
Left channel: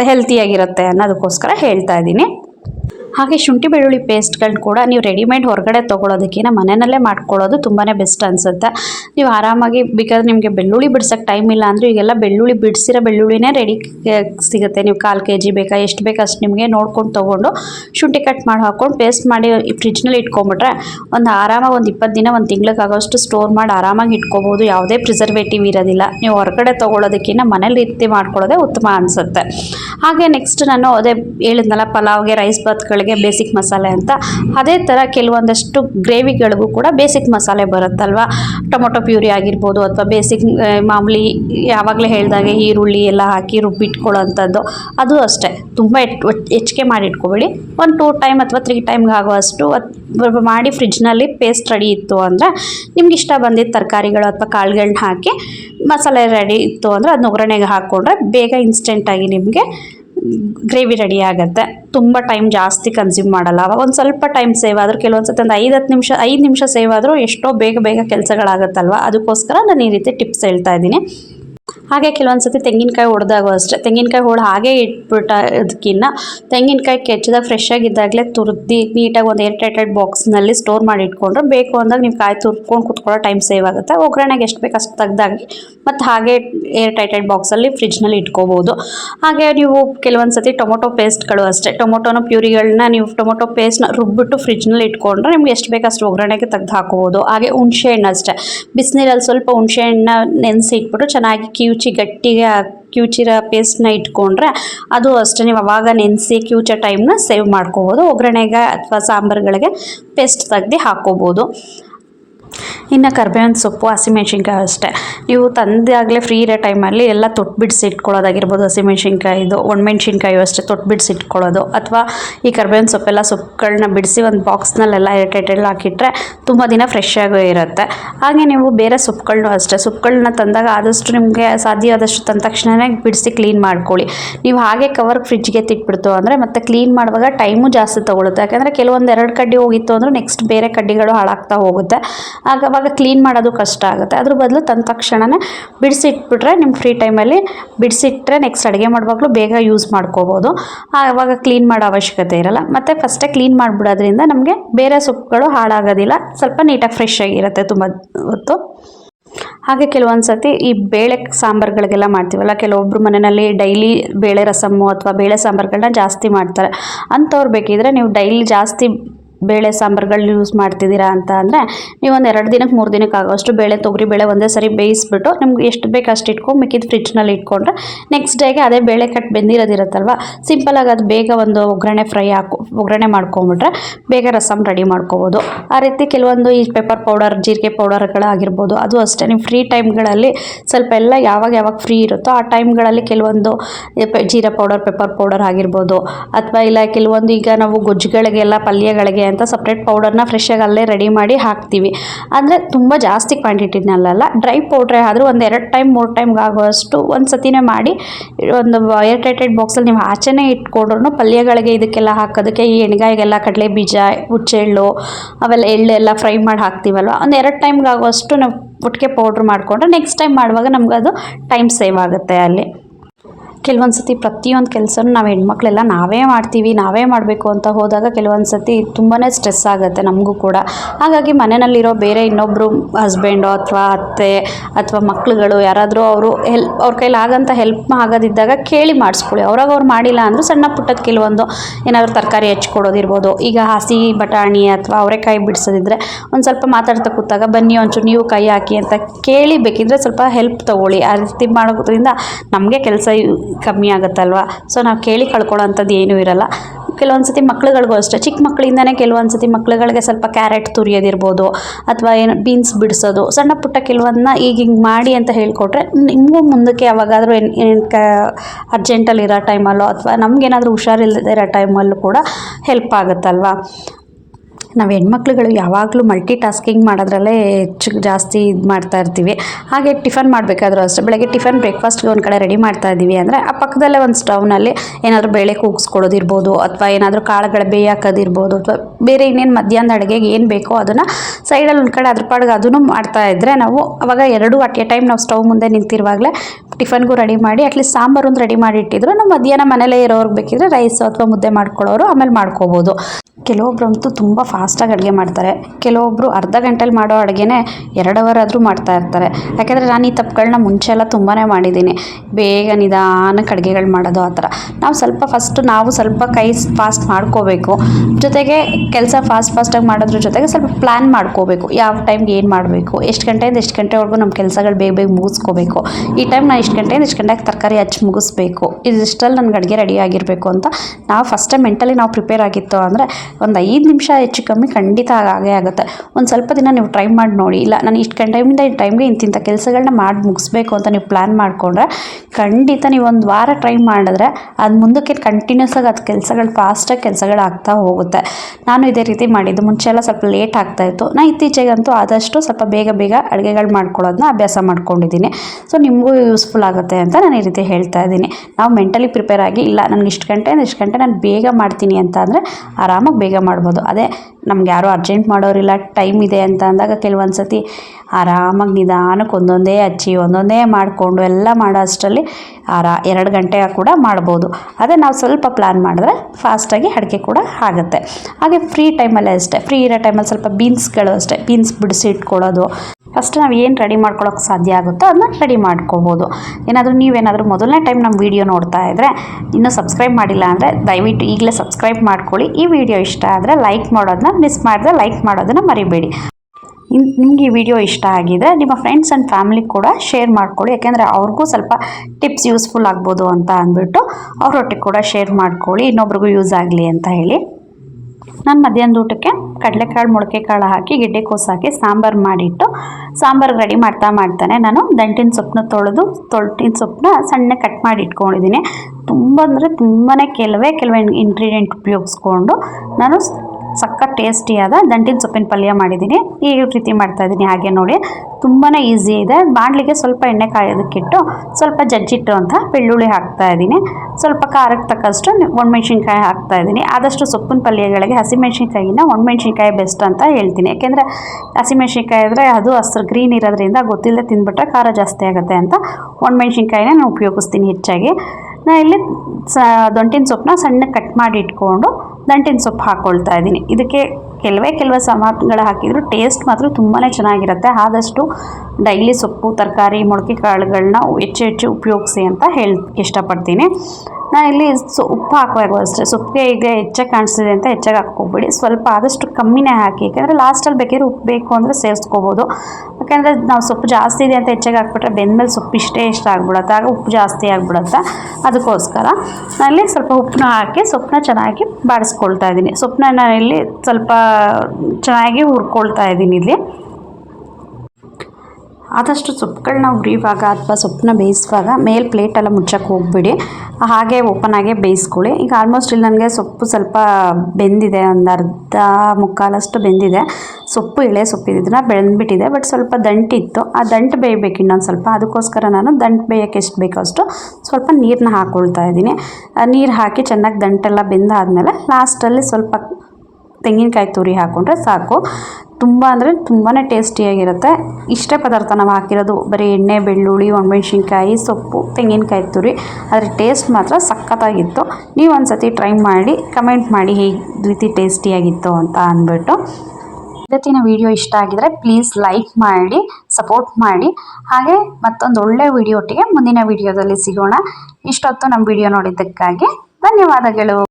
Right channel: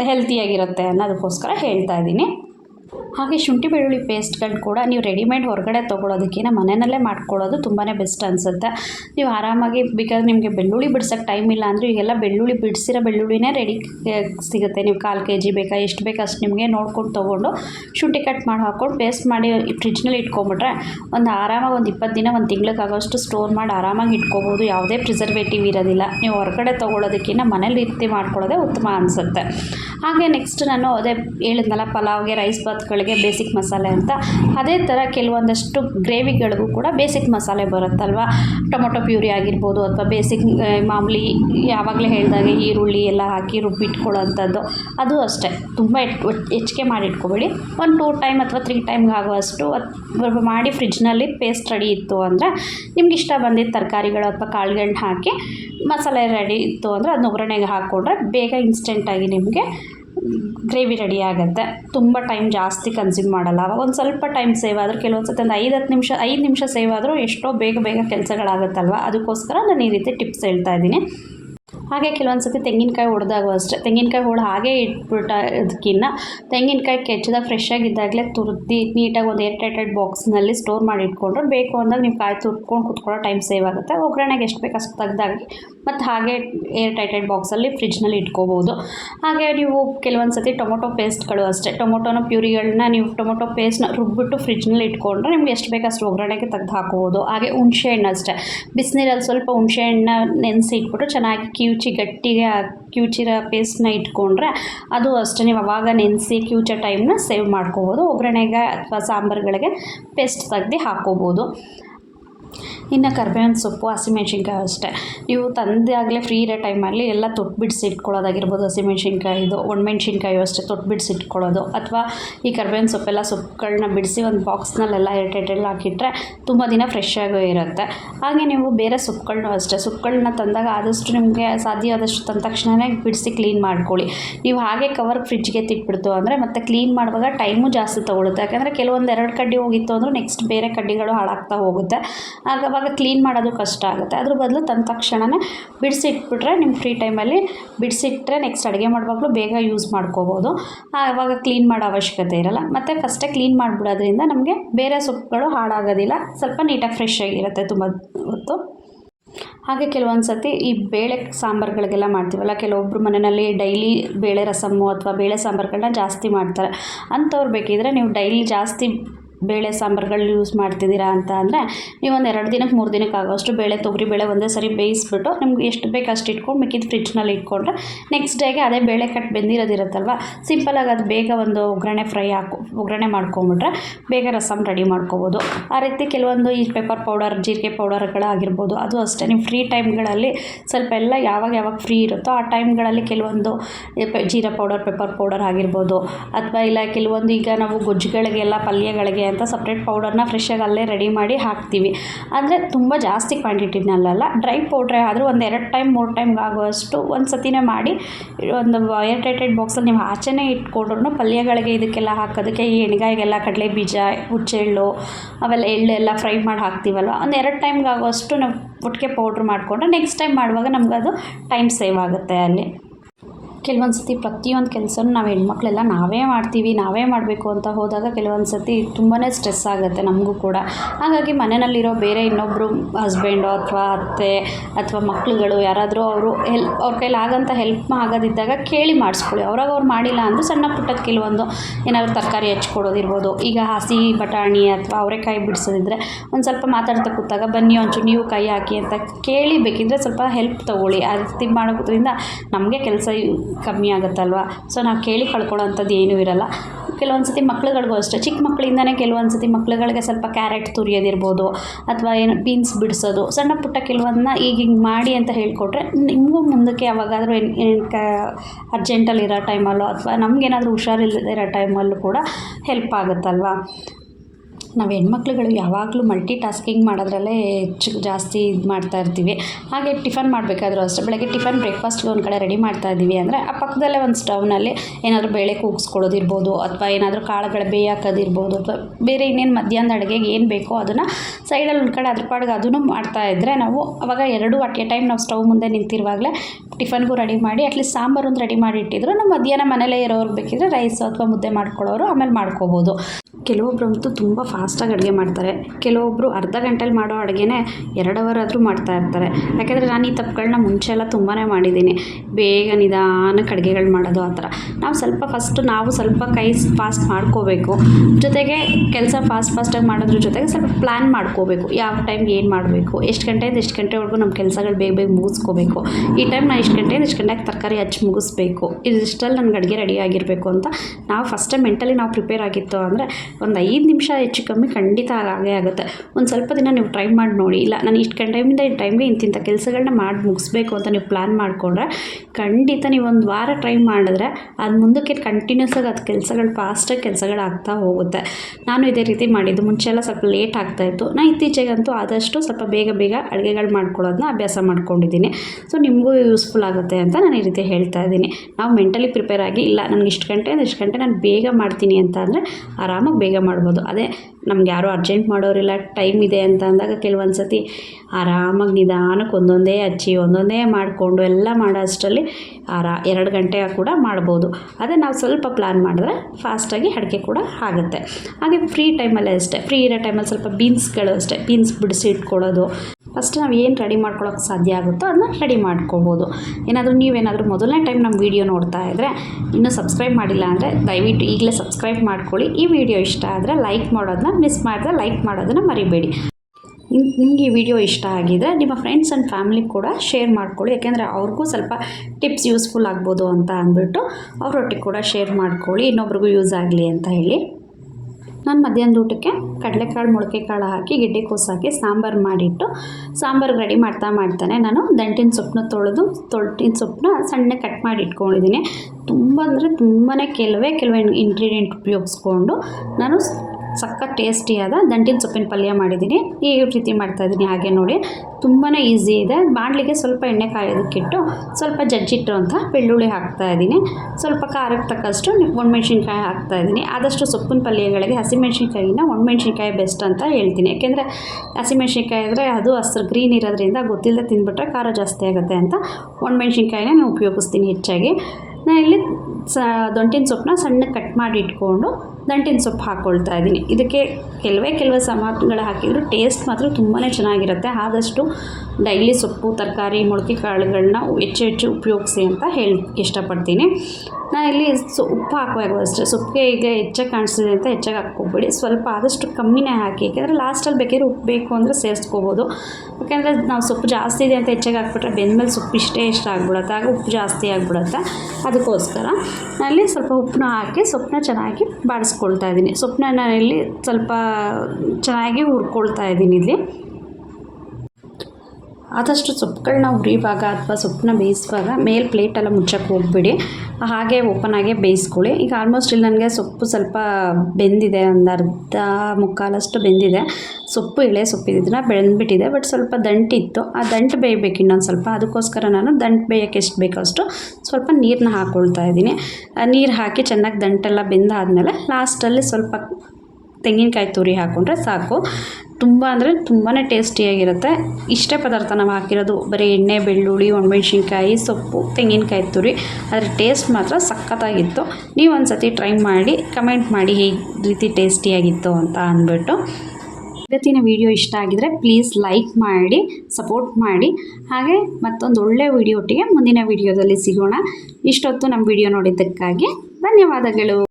ಹೆಲ್ತಿಯಾಗಿರುತ್ತೆ ಅನ್ನೋದಕ್ಕೋಸ್ಕರ ಹೇಳ್ತಾ ಇದ್ದೀನಿ. ಹಾಗೆ ಶುಂಠಿ ಬೆಳ್ಳುಳ್ಳಿ ಪೇಸ್ಟ್ಗಳನ್ನ ಕೂಡ ನೀವು ರೆಡಿಮೇಡ್ ಹೊರಗಡೆ ತೊಗೊಳೋದಕ್ಕಿಂತ ಮನೆಯಲ್ಲೇ ಮಾಡ್ಕೊಳ್ಳೋದು ತುಂಬಾ ಬೆಸ್ಟ್ ಅನಿಸುತ್ತೆ. ನೀವು ಆರಾಮಾಗಿ ಬೇಕಾದ್ರೆ ನಿಮಗೆ ಬೆಳ್ಳುಳ್ಳಿ ಬಿಡ್ಸೋಕ್ಕೆ ಟೈಮ್ ಇಲ್ಲ ಅಂದರೆ ಈಗೆಲ್ಲ ಬೆಳ್ಳುಳ್ಳಿ ಬಿಡಿಸಿರೋ ಬೆಳ್ಳುಳ್ಳಿನೇ ರೆಡಿ ಸಿಗುತ್ತೆ. ನೀವು ಕಾಲು ಕೆ ಜಿ ಬೇಕಾ, ಎಷ್ಟು ಬೇಕು ಅಷ್ಟು ನಿಮಗೆ ನೋಡ್ಕೊಂಡು ತೊಗೊಂಡು ಶುಂಠಿ ಕಟ್ ಮಾಡಿ ಹಾಕ್ಕೊಂಡು ಪೇಸ್ಟ್ ಮಾಡಿ ಫ್ರಿಜ್ನಲ್ಲಿ ಇಟ್ಕೊಂಬಿಟ್ರೆ ಒಂದು ಆರಾಮಾಗಿ ಒಂದು ಇಪ್ಪತ್ತು ದಿನ, ಒಂದು ತಿಂಗ್ಳಿಗಾಗೋಷ್ಟು ಸ್ಟೋರ್ ಮಾಡಿ ಆರಾಮಾಗಿ ಇಟ್ಕೋಬೋದು. ಯಾವುದೇ ಪ್ರಿಸರ್ವೇಟಿವ್ ಇರೋದಿಲ್ಲ. ನೀವು ಹೊರಗಡೆ ತೊಗೊಳೋದಕ್ಕಿಂತ ಮನೇಲಿ ರೀತಿ ಮಾಡ್ಕೊಳ್ಳೋದೇ ಉತ್ತಮ ಅನಿಸುತ್ತೆ. ಹಾಗೆ ನೆಕ್ಸ್ಟ್ ನಾನು ಅದೇ ಹೇಳಿದ್ನಲ್ಲ, ಪಲಾವ್ಗೆ ರೈಸ್ ಬಾತ್ಗಳಿಗೆ ಬೇಸಿಕ್ ಮಸಾಲೆ ಅಂತ. ಅದೇ ಥರ ಕೆಲವೊಂದಷ್ಟು ಗ್ರೇವಿಗಳಿಗೂ ಕೂಡ ಬೇಸಿಕ್ ಮಸಾಲೆ ಬರುತ್ತಲ್ವ? ಟೊಮೊಟೊ ಪ್ಯೂರಿ ಆಗಿರ್ಬೋದು ಅಥವಾ ಬೇಸಿಕ್ ಮಾಮೂಲಿ ಯಾವಾಗಲೇ ಹೇಳಿದಾಗೆ ಈರುಳ್ಳಿ ಎಲ್ಲ ಹಾಕಿ ರುಬ್ಬಿಟ್ಕೊಳ್ಳೋವಂಥದ್ದು. ಅದು ಅಷ್ಟೇ. ತುಂಬ ಹೆಚ್ಚಿಗೆ ಮಾಡಿ ಇಟ್ಕೊಬೇಡಿ. ಒಂದು ಟೂ ಟೈಮ್ ಅಥವಾ ತ್ರೀ ಟೈಮ್ಗೆ ಆಗುವಷ್ಟು ಮಾಡಿ ಫ್ರಿಜ್ನಲ್ಲಿ ಪೇಸ್ಟ್ ರೆಡಿ ಇತ್ತು ಅಂದರೆ ನಿಮ್ಗೆ ಇಷ್ಟ ಬಂದಿದ್ದ ತರಕಾರಿಗಳು ಅಥವಾ ಕಾಳುಗಳನ್ನ ಹಾಕಿ ಮಸಾಲೆ ರೆಡಿ ಇತ್ತು ಅಂದರೆ ಅದನ್ನ ಒಗ್ಗರಣೆಗೆ ಹಾಕ್ಕೊಂಡ್ರೆ ಬೇಗ ಇನ್ಸ್ಟೆಂಟಾಗಿ ನಿಮಗೆ ಗ್ರೇವಿ ರೆಡಿ ಆಗುತ್ತೆ. ತುಂಬ ಟೈಮ್ ಜಾಸ್ತಿ ಕನ್ಸ್ಯೂಮ್ ಮಾಡಲ್ಲ. ಒಂದು ಸ್ವಲ್ಪ ಟೈಮ್ ಸೇವ್ ಆದರೂ, ಕೆಲವೊಂದು ಸತಿ ಒಂದು ಐದು ಹತ್ತು ನಿಮಿಷ, ಐದು ನಿಮಿಷ ಸೇವ್ ಆದರೂ ಎಷ್ಟೋ ಬೇಗ ಬೇಗ ಕೆಲಸಗಳಾಗುತ್ತಲ್ವ? ಅದಕ್ಕೋಸ್ಕರ ನಾನು ಈ ರೀತಿ ಟಿಪ್ಸ್ ಹೇಳ್ತಾ ಇದ್ದೀನಿ. ಹಾಗೆ ಕೆಲವೊಂದು ಸತಿ ತೆಂಗಿನಕಾಯಿ ಹೊಡೆದಾಗೂ ಅಷ್ಟೇ. ತೆಂಗಿನಕಾಯಿ ಹೋಳು ಹಾಗೆ ಇಟ್ಬಿಟ್ಟ ಅದಕ್ಕಿಂತ ತೆಂಗಿನಕಾಯಿ ಕೆಚ್ಚಿದಾಗ ಫ್ರೆಶ್ ಆಗಿದ್ದಾಗಲೇ ತುರ್ದು ನೀಟಾಗಿ ಒಂದು ಏರ್ ಟೈಟೆಡ್ ಬಾಕ್ಸ್ನಲ್ಲಿ ಸ್ಟೋರ್ ಮಾಡಿ ಇಟ್ಕೊಂಡ್ರೆ. ಬೇಕು ಅಂದಾಗ ನೀವು ಕಾಯಿ ತುರ್ಕೊಂಡು ಕುತ್ಕೊಳ್ಳೋ ಟೈಮ್ ಸೇವ್ ಆಗುತ್ತೆ. ಒಗ್ಗರಣೆಗೆ ಎಷ್ಟು ಬೇಕು ಅಷ್ಟು ತೆಗ್ದಾಗಿ ಮತ್ತು ಹಾಗೆ ಏರ್ ಟೈಟೆಡ್ ಬಾಕ್ಸಲ್ಲಿ ಫ್ರಿಜ್ನಲ್ಲಿ ಇಟ್ಕೋಬೋದು. ಹಾಗೆ ನೀವು ಕೆಲವೊಂದು ಸತಿ ಟೊಮೊಟೊ ಪೇಸ್ಟ್ಗಳು ಅಷ್ಟೇ. ಟೊಮೊಟೊನ ಪ್ಯೂರಿಗಳನ್ನ ನೀವು ಟೊಮೊಟೊ ಪೇಸ್ಟ್ನ ರುಬ್ಬಿಟ್ಟು ಫ್ರಿಜ್ನಲ್ಲಿ ಇಟ್ಕೊಂಡ್ರೆ ನಿಮ್ಗೆ ಎಷ್ಟು ಬೇಕು ಅಷ್ಟು ಒಗ್ಗರಣೆಗೆ ತೆಗ್ದು ಹಾಕೋಬೋದು ಹಾಗೆ ಹುಣಸೆ ಹಣ್ಣು ಅಷ್ಟೇ. ಬಿಸಿನೀರಲ್ಲಿ ಸ್ವಲ್ಪ ಹುಣಸೆ ಹಣ್ಣನ್ನ ನೆನೆಸಿ ಇಟ್ಬಿಟ್ಟು ಚೆನ್ನಾಗಿ ಕಿವುಚಿ ಗಟ್ಟಿಗೆ ಕಿವುಚಿರೋ ಪೇಸ್ಟ್ನ ಇಟ್ಕೊಂಡ್ರೆ ಅದು ಅಷ್ಟೇ, ನೀವು ಅವಾಗ ನೆನೆಸಿ ಕಿವುಚೋ ಟೈಮ್ನ ಸೇವ್ ಮಾಡ್ಕೋಬೋದು. ಒಗ್ಗರಣೆಗೆ ಅಥವಾ ಸಾಂಬಾರುಗಳಿಗೆ ಪೇಸ್ಟ್ ತೆಗ್ದು ಹಾಕ್ಕೋಬೋದು. ಇನ್ನು ಕರ್ಬೇವಿನ ಸೊಪ್ಪು ಹಸಿಮೆಣ್ಸಿನ್ಕಾಯಿ ಅಷ್ಟೇ. ನೀವು ತಂದಾಗಲೇ ಫ್ರೀ ಇರೋ ಟೈಮಲ್ಲಿ ಎಲ್ಲ ತೊಟ್ಟು ಬಿಡಿಸಿ ಇಟ್ಕೊಳ್ಳೋದಾಗಿರ್ಬೋದು ಹಸಿಮೆಣ್ಸಿನ್ಕಾಯಿದು ಒಣಮೆಣ್ಸಿನ್ಕಾಯು ಅಷ್ಟೇ ತೊಟ್ಟು ಬಿಡಿಸಿ ಇಟ್ಕೊಳ್ಳೋದು. ಅಥವಾ ಈ ಕರ್ಬೇವಿನ ಸೊಪ್ಪೆಲ್ಲ ಸೊಪ್ಪುಗಳನ್ನ ಬಿಡಿಸಿ ಒಂದು ಬಾಕ್ಸ್ನಲ್ಲೆಲ್ಲ ಏರ್ಟೈಟಲ್ಲಿ ಹಾಕಿಟ್ರೆ ತುಂಬ ದಿನ ಫ್ರೆಶ್ ಆಗೇ ಇರುತ್ತೆ. ಹಾಗೆ ನೀವು ಬೇರೆ ಸೊಪ್ಪುಗಳನ್ನೂ ಅಷ್ಟೇ ಸೊಪ್ಪುಗಳನ್ನ ತಂದಾಗ ಆದಷ್ಟು ನಿಮಗೆ ಸಾಧ್ಯ ಆದಷ್ಟು ತಂದ ತಕ್ಷಣವೇ ಬಿಡಿಸಿ ಕ್ಲೀನ್ ಮಾಡ್ಕೊಳ್ಳಿ. ನೀವು ಹಾಗೆ ಕವರ್ ಫ್ರಿಜ್ಗೆ ತಿಟ್ಬಿಡ್ತು ಅಂದರೆ ಮತ್ತೆ ಕ್ಲೀನ್ ಮಾಡುವಾಗ ಟೈಮು ಜಾಸ್ತಿ ತೊಗೊಳುತ್ತೆ. ಯಾಕಂದರೆ ಕೆಲವೊಂದು ಎರಡು ಕಡ್ಡಿ ಹೋಗಿತ್ತು ಅಂದರೆ ನೆಕ್ಸ್ಟ್ ಬೇರೆ ಕಡ್ಡಿಗಳು ಹಾಳಾಗ್ತಾ ಹೋಗುತ್ತೆ. ಆಗ ಅವಾಗ ಕ್ಲೀನ್ ಮಾಡೋದು ಕಷ್ಟ ಆಗುತ್ತೆ. ಅದ್ರ ಬದಲು ತಂದ ತಕ್ಷಣವೇ ಬಿಡಿಸಿಟ್ಬಿಟ್ರೆ ನಿಮ್ಮ ಫ್ರೀ ಟೈಮಲ್ಲಿ ಬಿಡಿಸಿಟ್ರೆ ನೆಕ್ಸ್ಟ್ ಅಡುಗೆ ಮಾಡುವಾಗಲೂ ಬೇಗ ಯೂಸ್ ಮಾಡ್ಕೋಬೋದು. ಆವಾಗ ಕ್ಲೀನ್ ಮಾಡೋ ಅವಶ್ಯಕತೆ ಇರಲ್ಲ. ಮತ್ತು ಫಸ್ಟೇ ಕ್ಲೀನ್ ಮಾಡಿಬಿಡೋದ್ರಿಂದ ನಮಗೆ ಬೇರೆ ಸೊಪ್ಪುಗಳು ಹಾಳಾಗೋದಿಲ್ಲ. ಸ್ವಲ್ಪ ನೀಟಾಗಿ ಫ್ರೆಶ್ ಆಗಿರುತ್ತೆ ತುಂಬ ಹೊತ್ತು. ಹಾಗೆ ಕೆಲವೊಂದು ಸತಿ ಈ ಬೇಳೆ ಸಾಂಬಾರುಗಳಿಗೆಲ್ಲ ಮಾಡ್ತೀವಲ್ಲ ಕೆಲವೊಬ್ಬರು ಮನೆಯಲ್ಲಿ ಡೈಲಿ ಬೇಳೆ ರಸಮ್ಮು ಅಥವಾ ಬೇಳೆ ಸಾಂಬಾರುಗಳನ್ನ ಜಾಸ್ತಿ ಮಾಡ್ತಾರೆ. ಅಂಥವ್ರು ಬೇಕಿದ್ರೆ ನೀವು ಡೈಲಿ ಜಾಸ್ತಿ ಬೇಳೆ ಸಾಂಬಾರುಗಳು ಯೂಸ್ ಮಾಡ್ತಿದ್ದೀರಾ ಅಂತ ಅಂದರೆ, ನೀವು ಒಂದು ಎರಡು ದಿನಕ್ಕೆ ಮೂರು ದಿನಕ್ಕೆ ಆಗೋಷ್ಟು ಬೇಳೆ ತೊಗರಿ, ಬೇಳೆ ಒಂದೇ ಸರಿ ಬೇಯಿಸ್ಬಿಟ್ಟು ನಿಮ್ಗೆ ಎಷ್ಟು ಬೇಕು ಅಷ್ಟು ಇಟ್ಕೊಂಡು ಮಿಕ್ಕಿದ ಫ್ರಿಜ್ನಲ್ಲಿ ಇಟ್ಕೊಂಡ್ರೆ ನೆಕ್ಸ್ಟ್ ಡೇಗೆ ಅದೇ ಬೇಳೆ ಕಟ್ ಬೆಂದಿರೋದಿರುತ್ತಲ್ವ ಸಿಂಪಲಾಗಿ ಅದು ಬೇಗ ಒಂದು ಒಗ್ಗರಣೆ ಫ್ರೈ ಹಾಕೋ, ಒಗ್ಗರಣೆ ಮಾಡ್ಕೊಂಬಿಟ್ರೆ ಬೇಗ ರಸಮ್ ರೆಡಿ ಮಾಡ್ಕೋಬೋದು. ಆ ರೀತಿ ಕೆಲವೊಂದು ಈ ಪೆಪ್ಪರ್ ಪೌಡರ್ ಜೀರಿಗೆ ಪೌಡರ್ಗಳಾಗಿರ್ಬೋದು ಅದು ಅಷ್ಟೇ. ನೀವು ಫ್ರೀ ಟೈಮ್ಗಳಲ್ಲಿ ಸ್ವಲ್ಪ ಎಲ್ಲ ಯಾವಾಗ ಯಾವಾಗ ಫ್ರೀ ಇರುತ್ತೋ ಆ ಟೈಮ್ಗಳಲ್ಲಿ ಕೆಲವೊಂದು ಜೀರಾ ಪೌಡರ್ ಪೆಪ್ಪರ್ ಪೌಡರ್ ಆಗಿರ್ಬೋದು, ಅಥವಾ ಇಲ್ಲ ಕೆಲವೊಂದು ಈಗ ನಾವು ಗೊಜ್ಜುಗಳಿಗೆಲ್ಲ ಪಲ್ಯಗಳಿಗೆ ಅಂತ ಸಪ್ರೇಟ್ ಪೌಡರ್ನ ಫ್ರೆಶ್ಶಾಗಿ ಅಲ್ಲೇ ರೆಡಿ ಮಾಡಿ ಹಾಕ್ತೀವಿ. ಅಂದರೆ ತುಂಬ ಜಾಸ್ತಿ ಕ್ವಾಂಟಿಟಿನಲ್ಲ ಡ್ರೈ ಪೌಡ್ರೇ ಆದರೂ ಒಂದು ಎರಡು ಟೈಮ್ ಮೂರು ಟೈಮ್ಗೆ ಆಗುವಷ್ಟು ಒಂದು ಸತಿನೇ ಮಾಡಿ, ಒಂದು ಏರ್ ಟೈಟೆಡ್ ಬಾಕ್ಸಲ್ಲಿ ನೀವು ಆಚೆನೇ ಇಟ್ಕೊಂಡ್ರು ಪಲ್ಯಗಳಿಗೆ ಇದಕ್ಕೆಲ್ಲ ಹಾಕೋದಕ್ಕೆ ಈ ಎಣ್ಗಾಯಿಗೆಲ್ಲ ಕಡಲೆ ಬೀಜ, ಹುಚ್ಚೆಳ್ಳು, ಅವೆಲ್ಲ ಎಳ್ಳೆಲ್ಲ ಫ್ರೈ ಮಾಡಿ ಹಾಕ್ತೀವಲ್ವ? ಒಂದು ಎರಡು ಟೈಮ್ಗೆ ಆಗುವಷ್ಟು ನಾವು ಒಟ್ಟಿಗೆ ಪೌಡ್ರ್ ಮಾಡಿಕೊಂಡ್ರೆ ನೆಕ್ಸ್ಟ್ ಟೈಮ್ ಮಾಡುವಾಗ ನಮ್ಗೆ ಅದು ಟೈಮ್ ಸೇವ್ ಆಗುತ್ತೆ ಅಲ್ಲಿ. ಕೆಲವೊಂದು ಸತಿ ಪ್ರತಿಯೊಂದು ಕೆಲಸನೂ ನಾವು ಹೆಣ್ಮಕ್ಳೆಲ್ಲ ನಾವೇ ಮಾಡ್ತೀವಿ, ನಾವೇ ಮಾಡಬೇಕು ಅಂತ ಹೋದಾಗ ಕೆಲವೊಂದು ಸತಿ ತುಂಬಾ ಸ್ಟ್ರೆಸ್ ಆಗುತ್ತೆ ನಮಗೂ ಕೂಡ. ಹಾಗಾಗಿ ಮನೆಯಲ್ಲಿರೋ ಬೇರೆ ಇನ್ನೊಬ್ಬರು ಹಸ್ಬೆಂಡು ಅಥವಾ ಅತ್ತೆ ಅಥವಾ ಮಕ್ಕಳುಗಳು ಯಾರಾದರೂ ಅವರು ಹೆಲ್ಪ್ ಅವ್ರ ಕೈಲಿ ಆಗಂಥ ಹೆಲ್ಪ್ ಆಗೋದಿದ್ದಾಗ ಕೇಳಿ ಮಾಡಿಸ್ಕೊಳ್ಳಿ. ಅವ್ರಾಗ ಅವ್ರು ಮಾಡಿಲ್ಲ ಅಂದರೆ ಸಣ್ಣ ಪುಟ್ಟದ ಕೆಲವೊಂದು ಏನಾದರೂ ತರಕಾರಿ ಹಚ್ಕೊಡೋದಿರ್ಬೋದು ಈಗ ಹಸಿ ಬಟಾಣಿ ಅಥವಾ ಅವರೆಕಾಯಿ ಬಿಡಿಸೋದಿದ್ರೆ ಒಂದು ಸ್ವಲ್ಪ ಮಾತಾಡ್ತಾ ಕೂತಾಗ ಬನ್ನಿ ಒಂಚೂರು ನೀವು ಕೈ ಹಾಕಿ ಅಂತ ಕೇಳಿ ಬೇಕಿದ್ರೆ ಸ್ವಲ್ಪ ಹೆಲ್ಪ್ ತೊಗೊಳ್ಳಿ. ಆ ರೀತಿ ಮಾಡೋದ್ರಿಂದ ನಮಗೆ ಕೆಲಸ ಕಮ್ಮಿ ಆಗುತ್ತಲ್ವ? ಸೊ ನಾವು ಕೇಳಿ ಕಳ್ಕೊಳ್ಳೋ ಅಂಥದ್ದು ಏನೂ ಇರಲ್ಲ. ಕೆಲವೊಂದು ಸತಿ ಮಕ್ಳುಗಳಿಗೂ ಅಷ್ಟೇ. ಚಿಕ್ಕ ಮಕ್ಕಳಿಂದನೇ ಕೆಲವೊಂದು ಸತಿ ಮಕ್ಳುಗಳಿಗೆ ಸ್ವಲ್ಪ ಕ್ಯಾರೆಟ್ ತುರಿಯೋದಿರ್ಬೋದು ಅಥವಾ ಏನು ಬೀನ್ಸ್ ಬಿಡಿಸೋದು. ಸಣ್ಣ ಪುಟ್ಟ ಕೆಲವೊಂದನ್ನ ಈಗ ಹಿಂಗೆ ಮಾಡಿ ಅಂತ ಹೇಳಿಕೊಟ್ರೆ ನಿಮಗೂ ಮುಂದಕ್ಕೆ ಯಾವಾಗಾದರೂ ಏನು ಏನು ಕ ಅರ್ಜೆಂಟಲ್ಲಿ ಇರೋ ಟೈಮಲ್ಲೋ ಅಥವಾ ನಮಗೇನಾದರೂ ಹುಷಾರಿಲ್ಲದೆ ಇರೋ ಟೈಮಲ್ಲೂ ಕೂಡ ಹೆಲ್ಪ್ ಆಗುತ್ತಲ್ವಾ? ನಾವು ಹೆಣ್ಮಕ್ಳುಗಳು ಯಾವಾಗಲೂ ಮಲ್ಟಿ ಟಾಸ್ಕಿಂಗ್ ಮಾಡೋದ್ರಲ್ಲೇ ಹೆಚ್ಚು ಜಾಸ್ತಿ ಇದು ಮಾಡ್ತಾ ಇರ್ತೀವಿ. ಹಾಗೆ ಟಿಫನ್ ಮಾಡಬೇಕಾದ್ರೂ ಅಷ್ಟೇ, ಬೆಳಗ್ಗೆ ಟಿಫನ್ ಬ್ರೇಕ್ಫಾಸ್ಟ್ಗೆ ಒಂದು ಕಡೆ ರೆಡಿ ಮಾಡ್ತಾ ಇದ್ದೀವಿ ಅಂದರೆ ಆ ಪಕ್ಕದಲ್ಲೇ ಒಂದು ಸ್ಟವ್ನಲ್ಲಿ ಏನಾದರೂ ಬೇಳೆ ಕೂಗಿಸ್ಕೊಳ್ಳೋದಿರ್ಬೋದು ಅಥವಾ ಏನಾದರೂ ಕಾಳುಗಳು ಬೇಯ ಹಾಕೋದಿರ್ಬೋದು ಅಥವಾ ಬೇರೆ ಇನ್ನೇನು ಮಧ್ಯಾಹ್ನದ ಅಡುಗೆಗೆ ಏನು ಬೇಕೋ ಅದನ್ನು ಸೈಡಲ್ಲಿ ಒಂದು ಕಡೆ ಅದ್ರ ಪಾಡ್ಗೆ ಅದನ್ನು ಮಾಡ್ತಾ ಇದ್ದರೆ ನಾವು ಅವಾಗ ಎರಡು ಅಟ್ ಎ ಟೈಮ್ ನಾವು ಸ್ಟವ್ ಮುಂದೆ ನಿಂತಿರುವಾಗಲೇ ಟಿಫನ್ಗೂ ರೆಡಿ ಮಾಡಿ ಅಟ್ಲೀಸ್ಟ್ ಸಾಂಬಾರು ರೆಡಿ ಮಾಡಿ ಇಟ್ಟಿದ್ರು. ನಾವು ಮಧ್ಯಾಹ್ನ ಮನೇಲೇ ಇರೋರ್ಗೆ ಬೇಕಿದ್ರೆ ರೈಸ್ ಅಥವಾ ಮುದ್ದೆ ಮಾಡ್ಕೊಳ್ಳೋರು ಆಮೇಲೆ ಮಾಡ್ಕೋಬೋದು. ಕೆಲವೊಬ್ರಂತೂ ತುಂಬ ಫಾಸ್ಟಾಗಿ ಅಡುಗೆ ಮಾಡ್ತಾರೆ. ಕೆಲವೊಬ್ಬರು ಅರ್ಧ ಗಂಟೆಲಿ ಮಾಡೋ ಅಡುಗೆನೇ ಎರಡು ಅವರ್ ಆದರೂ ಮಾಡ್ತಾ ಇರ್ತಾರೆ. ಯಾಕೆಂದರೆ ನಾನು ಈ ತಪ್ಪುಗಳನ್ನ ಮುಂಚೆ ಎಲ್ಲ ತುಂಬಾ ಮಾಡಿದ್ದೀನಿ. ಬೇಗ ನಿಧಾನಕ್ಕೆ ಅಡುಗೆಗಳು ಮಾಡೋದು ಆ ಥರ. ನಾವು ಸ್ವಲ್ಪ ಫಸ್ಟು ನಾವು ಸ್ವಲ್ಪ ಕೈ ಫಾಸ್ಟ್ ಮಾಡ್ಕೋಬೇಕು. ಜೊತೆಗೆ ಕೆಲಸ ಫಾಸ್ಟ್ ಫಾಸ್ಟಾಗಿ ಮಾಡೋದ್ರ ಜೊತೆಗೆ ಸ್ವಲ್ಪ ಪ್ಲ್ಯಾನ್ ಮಾಡ್ಕೋಬೇಕು. ಯಾವ ಟೈಮ್ಗೆ ಏನು ಮಾಡಬೇಕು? ಎಷ್ಟು ಗಂಟೆಯಿಂದ ಎಷ್ಟು ಗಂಟೆವರೆಗೂ ನಮ್ಮ ಕೆಲಸಗಳು ಬೇಗ ಬೇಗ ಮುಗಿಸ್ಕೋಬೇಕು. ಈ ಟೈಮ್ ನಾನು ಎಷ್ಟು ಗಂಟೆಯಿಂದ ಇಷ್ಟು ಗಂಟೆಗೆ ತರಕಾರಿ ಹಚ್ಚಿ ಮುಗಿಸ್ಬೇಕು. ಇದಿಷ್ಟಲ್ಲಿ ನನಗೆ ಅಡುಗೆ ರೆಡಿ ಆಗಿರಬೇಕು ಅಂತ ನಾವು ಫಸ್ಟೇ ಮೆಂಟಲಿ ನಾವು ಪ್ರಿಪೇರ್ ಆಗಿತ್ತು ಅಂದರೆ ಒಂದು ಐದು ನಿಮಿಷ ಹೆಚ್ಚು ಕಮ್ಮಿ ಖಂಡಿತ ಆಗೇ ಆಗುತ್ತೆ. ಒಂದು ಸ್ವಲ್ಪ ದಿನ ನೀವು ಟ್ರೈ ಮಾಡಿ ನೋಡಿ. ಇಲ್ಲ, ನಾನು ಇಷ್ಟು ಟೈಮಿಂದ ಈ ಟೈಮ್ಗೆ ಇಂತಿಂಥ ಕೆಲಸಗಳನ್ನ ಮಾಡಿ ಮುಗಿಸ್ಬೇಕು ಅಂತ ನೀವು ಪ್ಲ್ಯಾನ್ ಮಾಡಿಕೊಂಡ್ರೆ ಖಂಡಿತ ನೀವು ಒಂದು ವಾರ ಟ್ರೈ ಮಾಡಿದ್ರೆ ಅದು ಮುಂದಕ್ಕೆ ಕಂಟಿನ್ಯೂಸ್ ಆಗಿ ಅದು ಕೆಲಸಗಳು ಫಾಸ್ಟಾಗಿ ಕೆಲಸಗಳು ಆಗ್ತಾ ಹೋಗುತ್ತೆ. ನಾನು ಇದೇ ರೀತಿ ಮಾಡಿದ್ದು. ಮುಂಚೆ ಎಲ್ಲ ಸ್ವಲ್ಪ ಲೇಟ್ ಆಗ್ತಾಯಿತ್ತು ನಾನು ಇತ್ತೀಚೆಗಂತೂ ಆದಷ್ಟು ಸ್ವಲ್ಪ ಬೇಗ ಬೇಗ ಅಡುಗೆಗಳು ಮಾಡ್ಕೊಳ್ಳೋದನ್ನ ಅಭ್ಯಾಸ ಮಾಡ್ಕೊಂಡಿದ್ದೀನಿ. ಸೊ ನಿಮಗೂ ಯೂಸ್ಫುಲ್ ಆಗುತ್ತೆ ಅಂತ ನಾನು ಈ ರೀತಿ ಹೇಳ್ತಾ ಇದ್ದೀನಿ. ನಾವು ಮೆಂಟಲಿ ಪ್ರಿಪೇರ್ ಆಗಿ, ಇಲ್ಲ, ನನಗೆ ಇಷ್ಟು ಗಂಟೆ ಇಷ್ಟು ಗಂಟೆ ನಾನು ಬೇಗ ಮಾಡ್ತೀನಿ ಅಂತ ಅಂದರೆ ಆರಾಮಾಗಿ ಬೇಗ ಮಾಡ್ಬೋದು. ಅದೇ ನಮ್ಗೆ ಯಾರೂ ಅರ್ಜೆಂಟ್ ಮಾಡೋರಿಲ್ಲ ಟೈಮ್ ಇದೆ ಅಂತ ಅಂದಾಗ ಕೆಲವೊಂದು ಸತಿ ಆರಾಮಾಗಿ ನಿಧಾನಕ್ಕೆ ಒಂದೊಂದೇ ಹಚ್ಚಿ ಒಂದೊಂದೇ ಮಾಡಿಕೊಂಡು ಎಲ್ಲ ಮಾಡೋ ಅಷ್ಟರಲ್ಲಿ ಆರಾ ಎರಡು ಗಂಟೆ ಕೂಡ ಮಾಡ್ಬೋದು. ಅದೇ ನಾವು ಸ್ವಲ್ಪ ಪ್ಲ್ಯಾನ್ ಮಾಡಿದ್ರೆ ಫಾಸ್ಟಾಗಿ ಅಡುಗೆ ಕೂಡ ಆಗುತ್ತೆ. ಹಾಗೆ ಫ್ರೀ ಟೈಮಲ್ಲೇ ಅಷ್ಟೇ ಫ್ರೀ ಇರೋ ಟೈಮಲ್ಲಿ ಸ್ವಲ್ಪ ಬೀನ್ಸ್ಗಳು ಅಷ್ಟೇ ಬೀನ್ಸ್ ಬಿಡಿಸಿ ಇಟ್ಕೊಳ್ಳೋದು. ಫಸ್ಟ್ ನಾವು ಏನು ರೆಡಿ ಮಾಡ್ಕೊಳ್ಳೋಕೆ ಸಾಧ್ಯ ಆಗುತ್ತೋ ಅದನ್ನ ರೆಡಿ ಮಾಡ್ಕೋಬೋದು. ಏನಾದರೂ ನೀವೇನಾದರೂ ಮೊದಲನೇ ಟೈಮ್ ನಮ್ಮ ವೀಡಿಯೋ ನೋಡ್ತಾ ಇದ್ದರೆ ಇನ್ನೂ ಸಬ್ಸ್ಕ್ರೈಬ್ ಮಾಡಿಲ್ಲ ಅಂದರೆ ದಯವಿಟ್ಟು ಈಗಲೇ ಸಬ್ಸ್ಕ್ರೈಬ್ ಮಾಡ್ಕೊಳ್ಳಿ. ಈ ವಿಡಿಯೋ ಇಷ್ಟ ಆದರೆ ಲೈಕ್ ಮಾಡೋದನ್ನ ಮಿಸ್ ಮಾಡಿದ್ರೆ ಲೈಕ್ ಮಾಡೋದನ್ನು ಮರಿಬೇಡಿ. ನಿಮಗೆ ನಿಮ್ಗೆ ಈ ವಿಡಿಯೋ ಇಷ್ಟ ಆಗಿದೆ ನಿಮ್ಮ ಫ್ರೆಂಡ್ಸ್ ಆ್ಯಂಡ್ ಫ್ಯಾಮಿಲಿ ಕೂಡ ಶೇರ್ ಮಾಡ್ಕೊಳ್ಳಿ. ಯಾಕೆಂದರೆ ಅವ್ರಿಗೂ ಸ್ವಲ್ಪ ಟಿಪ್ಸ್ ಯೂಸ್ಫುಲ್ ಆಗ್ಬೋದು ಅಂತ ಅಂದ್ಬಿಟ್ಟು ಅವರೊಟ್ಟಿಗೆ ಕೂಡ ಶೇರ್ ಮಾಡ್ಕೊಳ್ಳಿ. ಇನ್ನೊಬ್ರಿಗೂ ಯೂಸ್ ಆಗಲಿ ಅಂತ ಹೇಳಿ. ನಾನು ಮಧ್ಯಾಹ್ನದ ಊಟಕ್ಕೆ ಕಡಲೆಕಾಳು ಮೊಳಕೆ ಕಾಳು ಹಾಕಿ ಗೆಡ್ಡೆಕೋಸು ಹಾಕಿ, ಸಾಂಬಾರು ಮಾಡಿಟ್ಟು ಸಾಂಬಾರು ರೆಡಿ ಮಾಡ್ತಾ ಮಾಡ್ತಾನೆ. ನಾನು ದಂಟಿನ ಸೊಪ್ಪನ್ನ ತೊಳೆದು ತೊಳ್ಟಿನ ಸೊಪ್ಪನ್ನ ಸಣ್ಣ ಕಟ್ ಮಾಡಿ ಇಟ್ಕೊಂಡಿದ್ದೀನಿ. ತುಂಬ ಅಂದರೆ ತುಂಬಾ ಕೆಲವೇ ಕೆಲವೇ ಇಂಗ್ರೀಡಿಯೆಂಟ್ ಉಪಯೋಗಿಸ್ಕೊಂಡು ನಾನು ಸಖತ್ ಟೇಸ್ಟಿಯಾದ ದಂಟಿನ ಸೊಪ್ಪಿನ ಪಲ್ಯ ಮಾಡಿದ್ದೀನಿ. ಈ ರೀತಿ ಮಾಡ್ತಾಯಿದ್ದೀನಿ ಹಾಗೆ ನೋಡಿ ತುಂಬಾ ಈಸಿ ಇದೆ. ಬಾಣಲಿಗೆ ಸ್ವಲ್ಪ ಎಣ್ಣೆ ಕಾಯೋದಕ್ಕಿಟ್ಟು ಸ್ವಲ್ಪ ಜಜ್ಜಿಟ್ಟು ಅಂತ ಬೆಳ್ಳುಳ್ಳಿ ಹಾಕ್ತಾ ಇದ್ದೀನಿ. ಸ್ವಲ್ಪ ಖಾರಕ್ಕೆ ತಕ್ಕಷ್ಟು ಒಣಮೆಣ್ಸಿನ್ಕಾಯಿ ಹಾಕ್ತಾ ಇದ್ದೀನಿ. ಆದಷ್ಟು ಸೊಪ್ಪಿನ ಪಲ್ಯಗಳಿಗೆ ಹಸಿಮೆಣ್ಸಿನ್ಕಾಯಿನ ಒಣಮೆಣ್ಸಿನ್ಕಾಯಿ ಬೆಸ್ಟ್ ಅಂತ ಹೇಳ್ತೀನಿ. ಯಾಕೆಂದರೆ ಹಸಿಮೆಣ್ಸಿನ್ಕಾಯಿ ಆದರೆ ಅದು ಹಸ್ರು ಗ್ರೀನ್ ಇರೋದ್ರಿಂದ ಗೊತ್ತಿಲ್ಲದೆ ತಿಂದ್ಬಿಟ್ರೆ ಖಾರ ಜಾಸ್ತಿ ಆಗುತ್ತೆ ಅಂತ ಒಣಮೆಣ್ಸಿನ್ಕಾಯಿನ ನಾನು ಉಪಯೋಗಿಸ್ತೀನಿ ಹೆಚ್ಚಾಗಿ. ನಾನು ಇಲ್ಲಿ ಸ ದೊಂಟಿನ ಸೊಪ್ಪನ್ನ ಸಣ್ಣ ಕಟ್ ಮಾಡಿ ಇಟ್ಕೊಂಡು ದಂಟಿನ ಸೊಪ್ಪು ಹಾಕ್ಕೊಳ್ತಾ ಇದ್ದೀನಿ. ಇದಕ್ಕೆ ಕೆಲವೇ ಕೆಲವೇ ಸಾಮಾನುಗಳು ಹಾಕಿದರೂ ಟೇಸ್ಟ್ ಮಾತ್ರ ತುಂಬಾ ಚೆನ್ನಾಗಿರುತ್ತೆ. ಆದಷ್ಟು ಡೈಲಿ ಸೊಪ್ಪು, ತರಕಾರಿ, ಮೊಳಕೆ ಕಾಳುಗಳನ್ನ ಹೆಚ್ಚು ಹೆಚ್ಚು ಉಪಯೋಗಿಸಿ ಅಂತ ಹೇಳಿ, ಇಷ್ಟಪಡ್ತೀನಿ. ನಾನು ಇಲ್ಲಿ ಸೊ ಉಪ್ಪು ಹಾಕುವಾಗ ಅಷ್ಟೇ. ಸೊಪ್ಪಿಗೆ ಈಗ ಹೆಚ್ಚಾಗಿ ಕಾಣಿಸ್ತಿದೆ ಅಂತ ಹೆಚ್ಚಾಗಿ ಹಾಕ್ಕೋಬೇಡಿ. ಸ್ವಲ್ಪ ಆದಷ್ಟು ಕಮ್ಮಿನೇ ಹಾಕಿ. ಯಾಕೆಂದರೆ ಲಾಸ್ಟಲ್ಲಿ ಬೇಕಾದ್ರೆ ಉಪ್ಪು ಬೇಕು ಅಂದರೆ ಸೇರಿಸ್ಕೋಬೋದು ಯಾಕೆಂದರೆ ನಾವು ಸೊಪ್ಪು ಜಾಸ್ತಿ ಇದೆ ಅಂತ ಹೆಚ್ಚಾಗಿ ಹಾಕ್ಬಿಟ್ರೆ ಬೆಂದಮೇಲೆ ಸೊಪ್ಪು ಇಷ್ಟೇ ಇಷ್ಟ ಆಗ್ಬಿಡುತ್ತೆ. ಆಗ ಉಪ್ಪು ಜಾಸ್ತಿ ಆಗ್ಬಿಡುತ್ತೆ. ಅದಕ್ಕೋಸ್ಕರ ನಾನಲ್ಲಿ ಸ್ವಲ್ಪ ಉಪ್ಪನ್ನ ಹಾಕಿ ಸೊಪ್ಪನ್ನ ಚೆನ್ನಾಗಿ ಬಾಡಿಸ್ಕೊಳ್ತಾ ಇದ್ದೀನಿ. ಸೊಪ್ಪನ್ನ ನಾನಿಲ್ಲಿ ಸ್ವಲ್ಪ ಚೆನ್ನಾಗಿ ಹುರ್ಕೊಳ್ತಾ ಇದ್ದೀನಿ ಇಲ್ಲಿ. ಆದಷ್ಟು ಸೊಪ್ಪುಗಳನ್ನ ಹುರಿಯುವಾಗ ಅಥವಾ ಸೊಪ್ಪನ್ನ ಬೇಯಿಸುವಾಗ ಮೇಲೆ ಪ್ಲೇಟೆಲ್ಲ ಮುಚ್ಚಕ್ಕೆ ಹೋಗ್ಬಿಡಿ. ಹಾಗೆ ಓಪನ್ ಆಗಿ ಬೇಯಿಸ್ಕೊಳ್ಳಿ. ಈಗ ಆಲ್ಮೋಸ್ಟ್ ಇಲ್ಲಿ ನನಗೆ ಸೊಪ್ಪು ಸ್ವಲ್ಪ ಬೆಂದಿದೆ ಒಂದು ಅರ್ಧ ಮುಕ್ಕಾಲಷ್ಟು ಬೆಂದಿದೆ. ಸೊಪ್ಪು ಎಳೆ ಸೊಪ್ಪಿದ್ದನ್ನ ಬೆಂದ್ಬಿಟ್ಟಿದೆ ಬಟ್ ಸ್ವಲ್ಪ ದಂಟಿತ್ತು ಆ ದಂಟು ಬೇಯಬೇಕು ಇನ್ನೊಂದು ಸ್ವಲ್ಪ. ಅದಕ್ಕೋಸ್ಕರ ನಾನು ದಂಟು ಬೇಯೋಕ್ಕೆ ಎಷ್ಟು ಬೇಕೋ ಅಷ್ಟು ಸ್ವಲ್ಪ ನೀರನ್ನ ಹಾಕ್ಕೊಳ್ತಾ ಇದ್ದೀನಿ. ನೀರು ಹಾಕಿ ಚೆನ್ನಾಗಿ ದಂಟೆಲ್ಲ ಬೆಂದಾದಮೇಲೆ ಲಾಸ್ಟಲ್ಲಿ ಸ್ವಲ್ಪ ತೆಂಗಿನಕಾಯಿ ತುರಿ ಹಾಕ್ಕೊಂಡ್ರೆ ಸಾಕು. ತುಂಬ ಅಂದರೆ ತುಂಬಾ ಟೇಸ್ಟಿಯಾಗಿರುತ್ತೆ. ಇಷ್ಟೇ ಪದಾರ್ಥ ನಾವು ಹಾಕಿರೋದು ಬರೀ ಎಣ್ಣೆ, ಬೆಳ್ಳುಳ್ಳಿ, ಒಣಮೆಣ್ಸಿನ್ಕಾಯಿ, ಸೊಪ್ಪು, ತೆಂಗಿನಕಾಯಿ ತುರಿ. ಅದರ ಟೇಸ್ಟ್ ಮಾತ್ರ ಸಖತ್ತಾಗಿತ್ತು. ನೀವು ಒಂದು ಸತಿ ಟ್ರೈ ಮಾಡಿ, ಕಮೆಂಟ್ ಮಾಡಿ ಈ ರೀತಿ ಟೇಸ್ಟಿಯಾಗಿತ್ತು ಅಂತ ಅಂದ್ಬಿಟ್ಟು. ಇವತ್ತಿನ ವಿಡಿಯೋ ಇಷ್ಟ ಆಗಿದರೆ ಪ್ಲೀಸ್ ಲೈಕ್ ಮಾಡಿ, ಸಪೋರ್ಟ್ ಮಾಡಿ. ಹಾಗೆ ಮತ್ತೊಂದು ಒಳ್ಳೆಯ ವಿಡಿಯೋ ಒಟ್ಟಿಗೆ ಮುಂದಿನ ವಿಡಿಯೋದಲ್ಲಿ ಸಿಗೋಣ. ಇಷ್ಟೊತ್ತು ನಮ್ಮ ವಿಡಿಯೋ ನೋಡಿದ್ದಕ್ಕಾಗಿ ಧನ್ಯವಾದಗಳು.